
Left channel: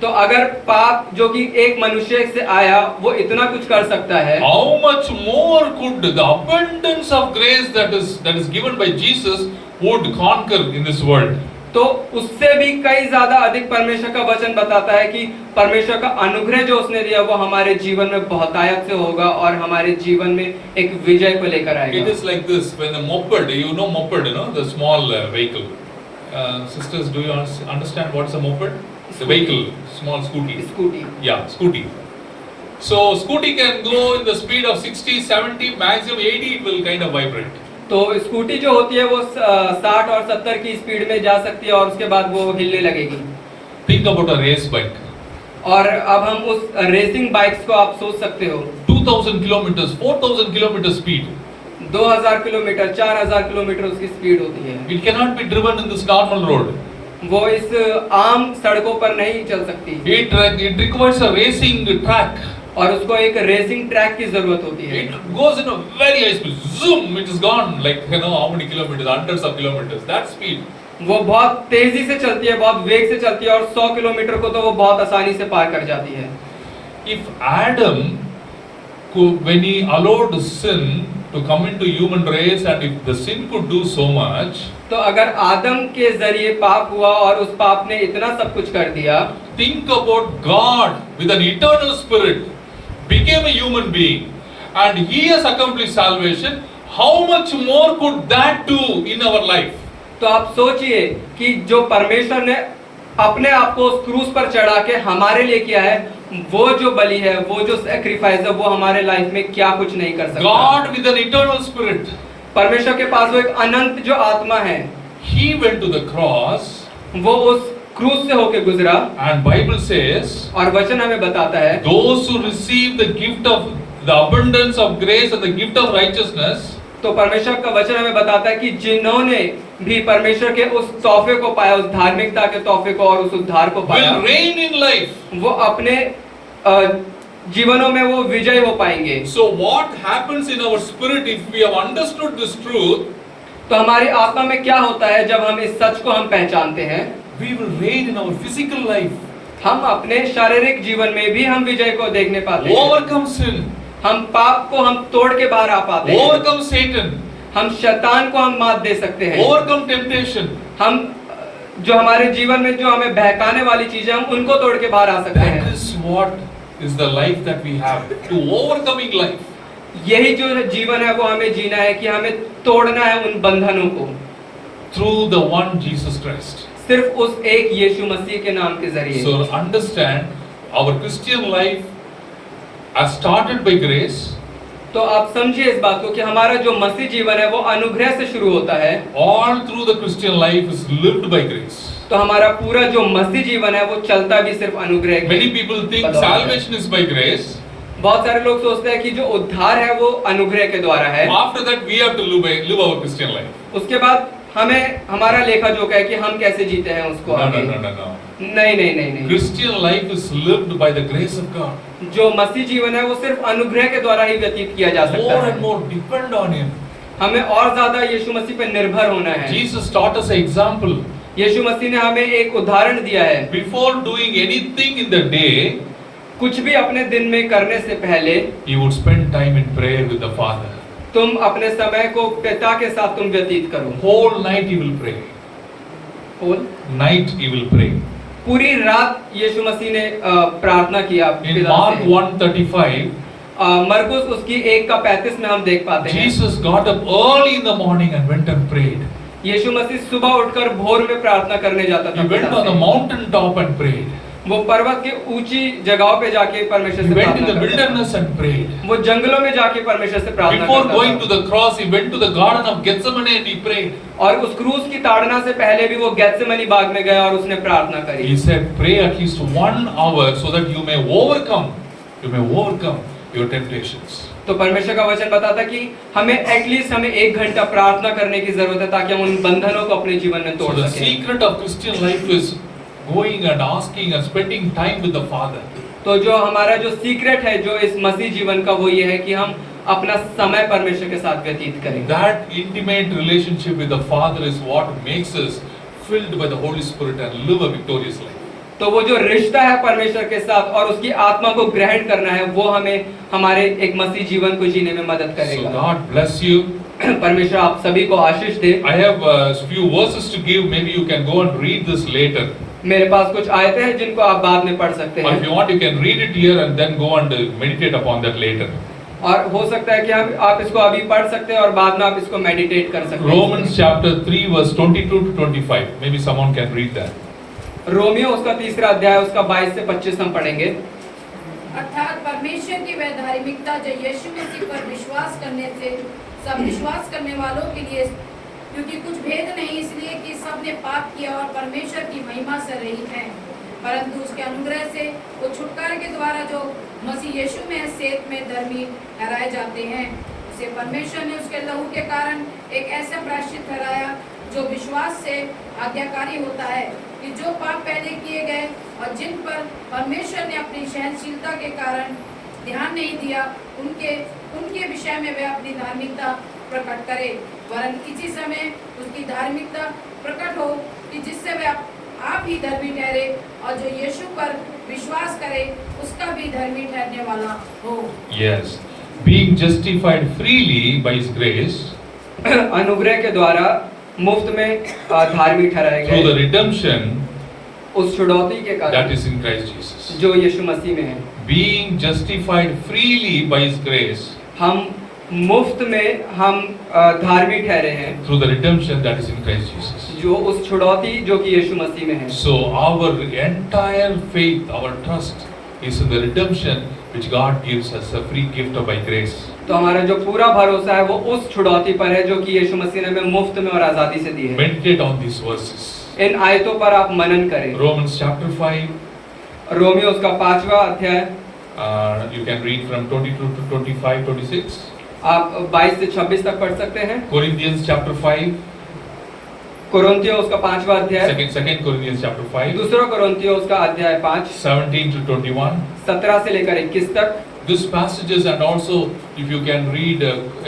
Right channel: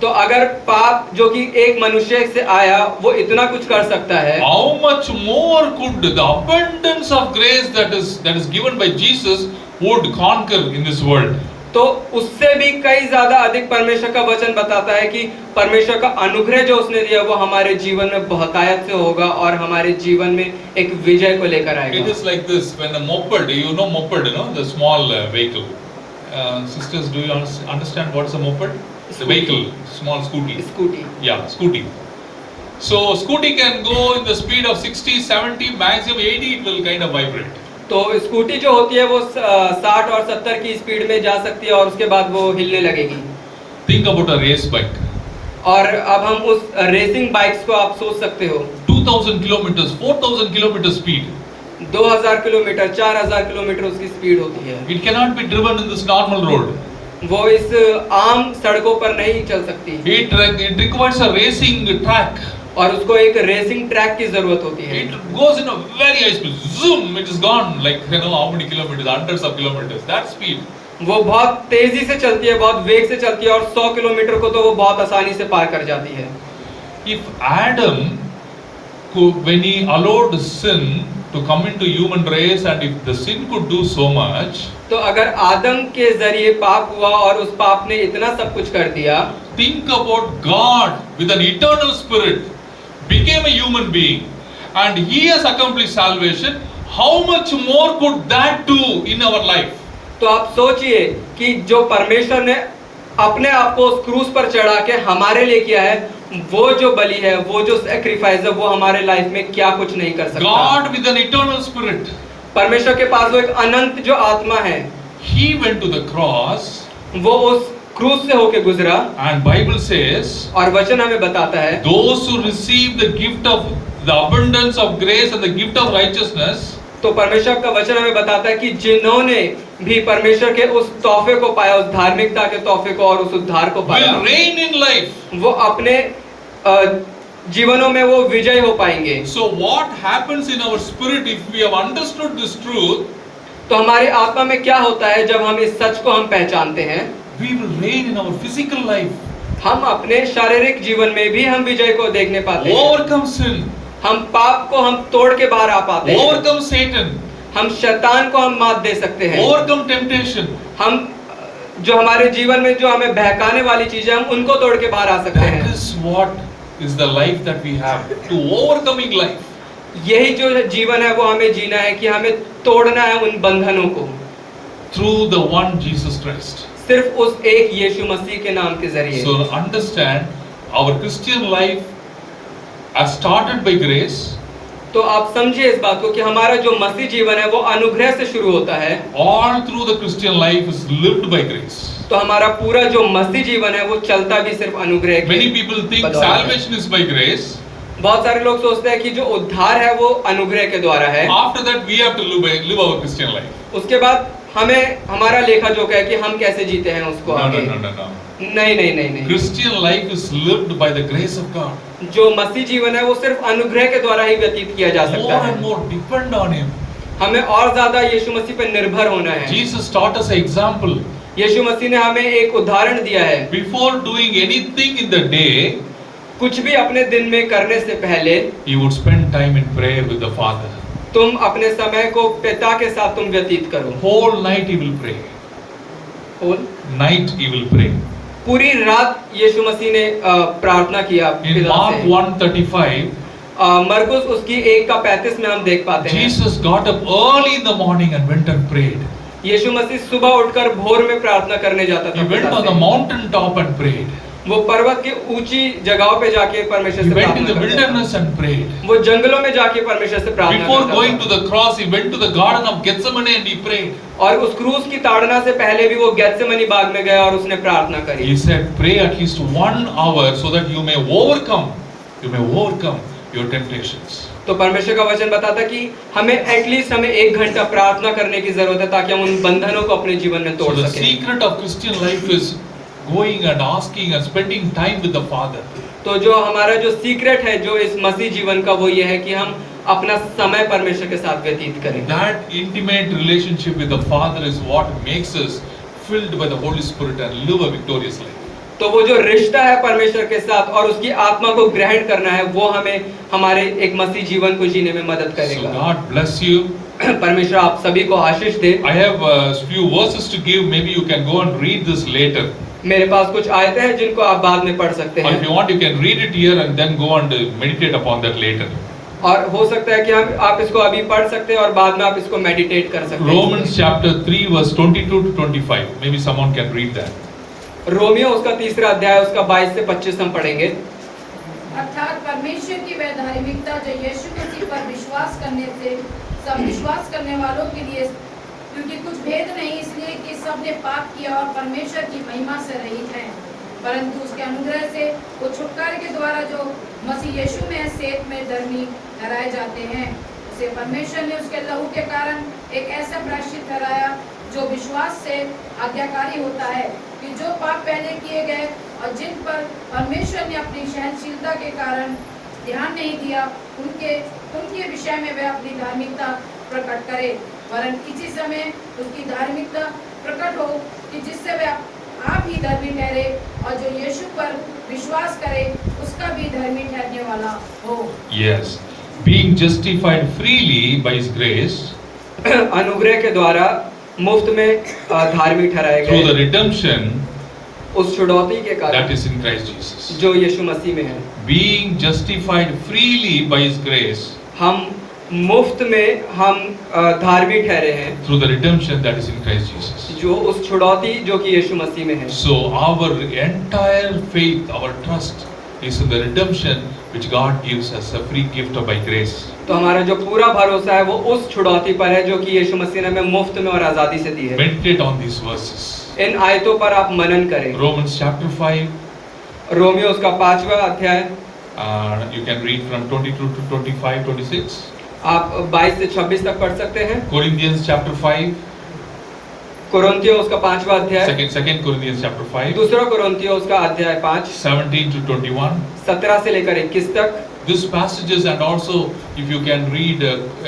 तो अगर पाप जो कि एक मनुष्य से आया वो इतना कुछ कर सकता है, how much more could the abundance of grace that is given by Jesus would conquer in this world? तो उससे भी कई ज्यादा अधिक परमेश्वर का वचन बताता है कि परमेश्वर का अनुग्रह जो उसने दिया वो हमारे जीवन में बहुतायत से होगा और हमारे जीवन में एक विजय को लेकर It आएगा। is like this, when a moped, you know, the small vehicle. Sisters, do you understand what is a moped? The vehicle, small scooty. Scooty. Yeah, scooty. So scooty can go in the speed of 60, 70, maximum 80, it will kind of vibrate. तो scooty जो होती है वो 60 और 70 की speed में जा सकती है और उसके बाद वो हिलने लगेगी। Think about a race bike. और अब हम उस रेसिंग बाइक्स को आप सोच सकते हो 2000 kilometers, 4000 kilometers speed. 2000 kilometre 4000 kilometre उसकी स्पीड होती है। It cannot be driven in this normal road. वो इस आम सड़कों पर नहीं चल सकती It requires a racing track. और उसको एक रेसिंग ट्रैक की जरूरत होती है। It goes in a very high speed. Zoom, it is gone like how many kilometers, hundreds of kilometers. That speed. वो बहुत तेजी से चलती है, बहुत वेग से चलती है और 100 किलोमीटर को तो वो बहुत आसानी से पार कर जाती है। If Adam, when he allowed sin to come into human race, and if the sin could do so much, तो अगर आदम के जरिए पाप हुआ और उस पाप ने इतना सब कुछ कर दिया, think about God with an eternal spirit became a human being and he has accomplished salvation. How much more could that do in our life? तो आप सोचिए कि जो परमेश्वर ने अपने आप को उस क्रूस पर चढ़ा के हमारे लिए किया है, वो जो बलि है, वो जो सैक्रिफाइस है, वो हमारे लाइफ में क्या कुछ नहीं कर सकता। God with an eternal spirit, परमेश्वर के पास वो एक अनंत जो आत्मा है, he went to the cross, वो उस क्रूस से होके गुजरा and Bible says और वचन हमें बताता है those who receive the gift of the abundance of grace and the gift of righteousness, तो परमेश्वर का वचन हमें बताता है कि जिन्होंने भी परमेश्वर के उस तोहफे को पाया, उस धार्मिकता के तोहफे को और उस उद्धार को पाया, will reign in life. वो अपने जीवनों में वो विजय हो पाएंगे। So what happens in our spirit if we have understood this truth? तो हमारी आत्मा में क्या होता है जब हम इस सच को हम पहचानते हैं? We will reign in our physical life, हम अपने शारीरिक जीवन में भी हम विजय को देखने पाते हैं। overcome sin, हम पाप को हम तोड़ के बाहर आ पाते हैं। overcome Satan, हम शैतान को हम मात दे सकते हैं। overcome temptation. हम जो हमारे जीवन में जो हमें बहकाने वाली चीजें, हम उनको तोड़ के बाहर आ सकते That हैं। is what is the life that we have, to overcoming life. यही जो जीवन है वो हमें जीना है कि हमें तोड़ना है उन बंधनों को Through the one Jesus Christ. सिर्फ उस एक यीशु मसीह के नाम के जरिए। So understand, our Christian life has started by grace. तो आप समझिए इस बात को कि हमारा जो मसीह जीवन है वो अनुग्रह से शुरू होता है। All through the Christian life is lived by grace. तो हमारा पूरा जो मसीह जीवन है वो चलता भी सिर्फ अनुग्रह के Many people think बदौलत है। salvation is by grace. बहुत सारे लोग सोचते हैं कि जो उद्धार है वो अनुग्रह के द्वारा है। After that, we have to live our Christian life. उसके बाद हमें हमारा लेखा जोखा है कि हम कैसे जीते हैं उसको No, आगे। no, no, no, no. नहीं नहीं नहीं नहीं। Christian life is lived by the grace of God. जो मसीह जीवन है वो सिर्फ अनुग्रह के द्वारा ही व्यतीत किया जा सकता More and है। more depend on Him. हमें और ज्यादा यीशु मसीह पर निर्भर होना है। Jesus taught us an example. यीशु मसीह ने हमें एक उदाहरण दिया है। Before doing anything in the day, कुछ भी अपने दिन में करने से पहले He would spend time in prayer with the Father. तुम अपने समय को पिता के साथ तुम व्यतीत करो। Whole night He will pray. Whole Night He will pray. पूरी रात यीशु मसीह ने प्रार्थना किया In पिता Mark से। 1:35, मरकुस उसकी 1:35 में हम देख पाते हैं। Jesus got up early in the morning and went and prayed. यीशु मसीह सुबह उठकर भोर में प्रार्थना करने जाता था He went पिता on the से। mountain top and prayed. वो पर्वत की ऊंची जगहों पे जाके परमेश्वर He से went in the प्रार्थना करता wilderness and prayed. था। वो जंगलों में जाके परमेश्वर से प्रार्थना Before करता going था। to the cross, He went to the garden of Gethsemane and He prayed. और उस क्रूस की ताड़ना से पहले भी वो गेत्सेमनी बाग में गया और उसने प्रार्थना करी। He said, pray at least 1 hour so that you may overcome your temptations. तो परमेश्वर का वचन बताता कि हमें एटलीस्ट हमें 1 घंटा प्रार्थना करने की जरूरत है ताकि हम उन बंधनों को अपने जीवन में So तोड़ the सकें। secret of Christian life is going and asking and spending time with the Father. तो जो हमारा जो सीक्रेट है जो इस मसीह जीवन का वो ये है कि हम अपना समय परमेश्वर के साथ व्यतीत करें। That intimate relationship with the Father is what makes us filled by the Holy Spirit and live a victorious life. तो वो जो रिश्ता है परमेश्वर के साथ और उसकी आत्मा को ग्रहण करना है वो हमें हमारे एक मसीह जीवन को जीने में मदद So करेगा। God bless you. परमेश्वर आप सभी को आशीष दे। I have a few verses to give. Maybe you can go and read this later. मेरे पास कुछ आयतें हैं जिनको आप बाद में पढ़ सकते Or if हैं you want, you can read it here and then go and meditate upon that later. और हो सकता है कि आप इसको अभी पढ़ सकते हैं और बाद में आप इसको मेडिटेट कर सकते हैं। Romans chapter 3 verse 22 to 25. Maybe someone can read that. Romeo उसका 3 अध्याय उसका 22 से 25 हम पढ़ेंगे। अर्थात परमेश्वर की वह धार्मिकता जो यीशु मसीह पर विश्वास करने से सब विश्वास करने वालों के लिए, क्योंकि कुछ भेद नहीं इसलिए कि सब ने पाप किया और परमेश्वर की महिमा से रहित हैं, परंतु उसके अनुग्रह से वो छुटकारे के द्वारा जो मसीह यीशु में है सेत में धर्मी ठहराए जाते हैं। उसे परमेश्वर ने उसके लहू के कारण एक ऐसा प्रायश्चित ठहराया जो विश्वास से आज्ञाकारी होता है कि जो पाप पहले किए गए और जिन पर परमेश्वर ने अपनी सहनशीलता के कारण ध्यान नहीं दिया उनके विषय में वह अपनी धार्मिकता प्रकट करे, वरन इसी समय उसकी धार्मिकता प्रकट हो कि जिससे वह आप ही धर्मी ठहरे और जो यीशु पर विश्वास करे उसका भी धर्मी ठहरने वाला हो। Yes, being justified freely by His grace अनुग्रह के द्वारा मुफ्त में धार्मिक ठहराए through the गए redemption उस छुड़ौती के that कारण is in Christ Jesus. जो यीशु मसीह में है। Being justified freely by His grace हम मुफ्त में हम धार्मिक ठहरे हैं through the redemption that is in Christ Jesus. जो उस छुड़ौती जो कि यीशु मसीह में है। So our entire faith, our trust is in the redemption which God gives us a free gift by grace. तो हमारा जो पूरा भरोसा है वो उस छुड़ौती पर है जो कि यीशु मसीह ने हमें मुफ्त में और आजादी से दी है। Meditate on these verses. इन आयतों पर आप मनन करें। Romans chapter 5, रोमियो उसका 5वां अध्याय you can read from 22 to 25, 26. आप 22 से 26 तक पढ़ सकते हैं। Corinthians chapter 5, कोरिन्थियो उसका 5वां अध्याय, second Corinthians chapter 5, दूसरा कोरिन्थियो उसका अध्याय 5, 17 to 21. 17 से लेकर 21 तक। These passages, and also if you can read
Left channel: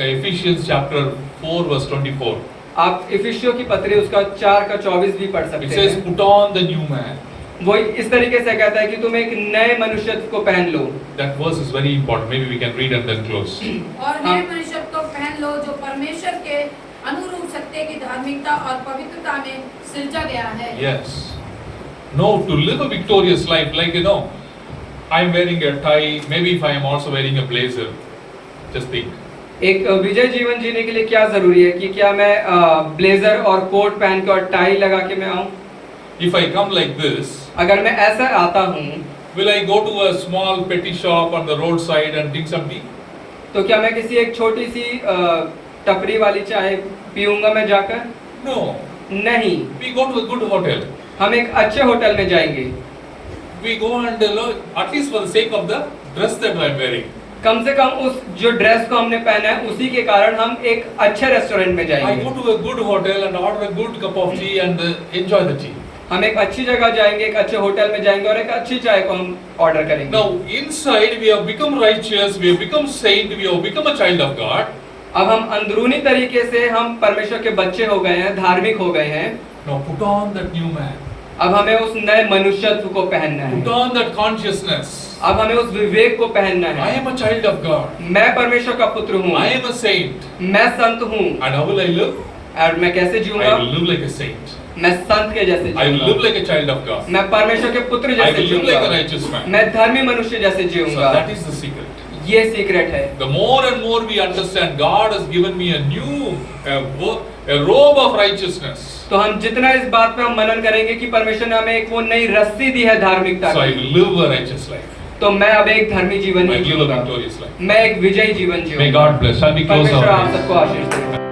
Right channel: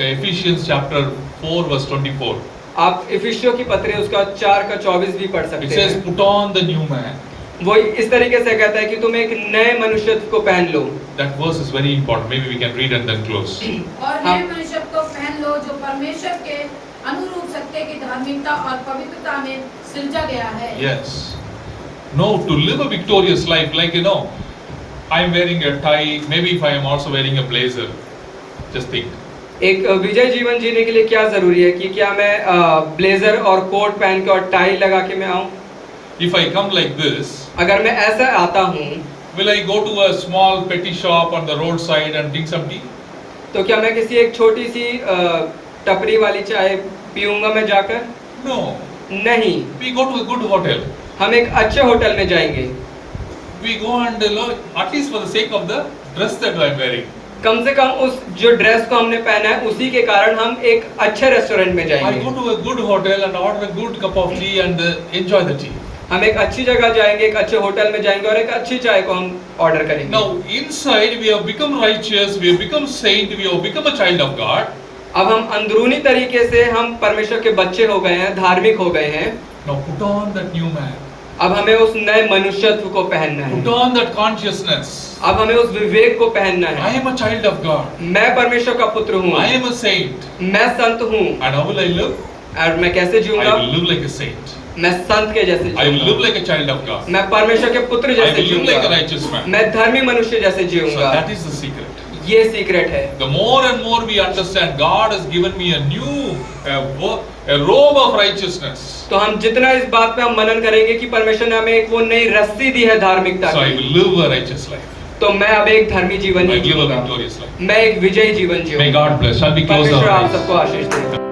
Ephesians chapter 4 verse 24. आप इफिसियों की पत्री उसका 4 का 24 भी पढ़ It सकते says, हैं। put on the new man. वो इस तरीके से कहता है कि तुम एक नए मनुष्यत्व को पहन लो। That verse is very important. Maybe we can read and then close. और नए मनुष्य को पहन लो जो परमेश्वर के अनुरूप सत्य की धार्मिकता और पवित्रता में सृजा गया है। Yes. No, to live a victorious life, like I'm wearing a tie, maybe if I am also wearing a blazer, just think. एक विजय जीवन जीने के लिए क्या जरूरी है कि क्या मैं ब्लेजर और कोट पहन के और टाई लगा के मैं आऊं? If I come like this, अगर मैं ऐसा आता हूं will I go to a small petty shop on the roadside and drink some tea? तो क्या मैं किसी एक छोटी सी टपरी वाली चाय पीऊंगा मैं जाकर? No. नहीं, We go to a good hotel. हम एक अच्छे होटल में जाएंगे। We go and at least for the sake of the dress that I'm wearing. कम से कम उस जो ड्रेस को हमने पहना है उसी के कारण हम एक अच्छे रेस्टोरेंट में I जाएंगे। go to a good hotel and order a good cup of tea and enjoy the tea. हम एक अच्छी जगह जाएंगे, एक अच्छे होटल में जाएंगे और एक अच्छी चाय को हम ऑर्डर करेंगे। Now inside we have become righteous, we have become saint, we have become a child of God. अब हम अंदरूनी तरीके से हम परमेश्वर के बच्चे हो गए हैं, धार्मिक हो गए हैं। Now put on that new man. अब हमें उस नए मनुष्यत्व को पहनना है। Put on that consciousness. अब हमें उस विवेक को पहनना I है। am a child of God. मैं परमेश्वर का पुत्र हूँ, I am a saint. मैं संत हूँ। And how will I live? और मैं कैसे I जीऊंगा? will live like a saint. मैं संत के जैसे I will live जीऊंगा। like a child of God. मैं परमेश्वर के पुत्र I जैसे will live like a जीऊंगा। righteous man. मैं धर्मी मनुष्य जैसे So जीऊंगा। that is the secret. ये सीक्रेट है। The more and more we understand, God has given me a new a robe of righteousness. तो हम जितना इस बात पे हम मनन करेंगे कि परमेश्वर ने हमें एक वो नई रस्सी दी है धार्मिकता So I की, will live a righteous life. तो मैं अब एक धर्मी जीवन I नहीं will live a जीऊंगा, victorious life. मैं एक विजयी जीवन May जीऊंगा। God bless. Shall we close परमेश्वर our आप eyes? सबको आशीष दे।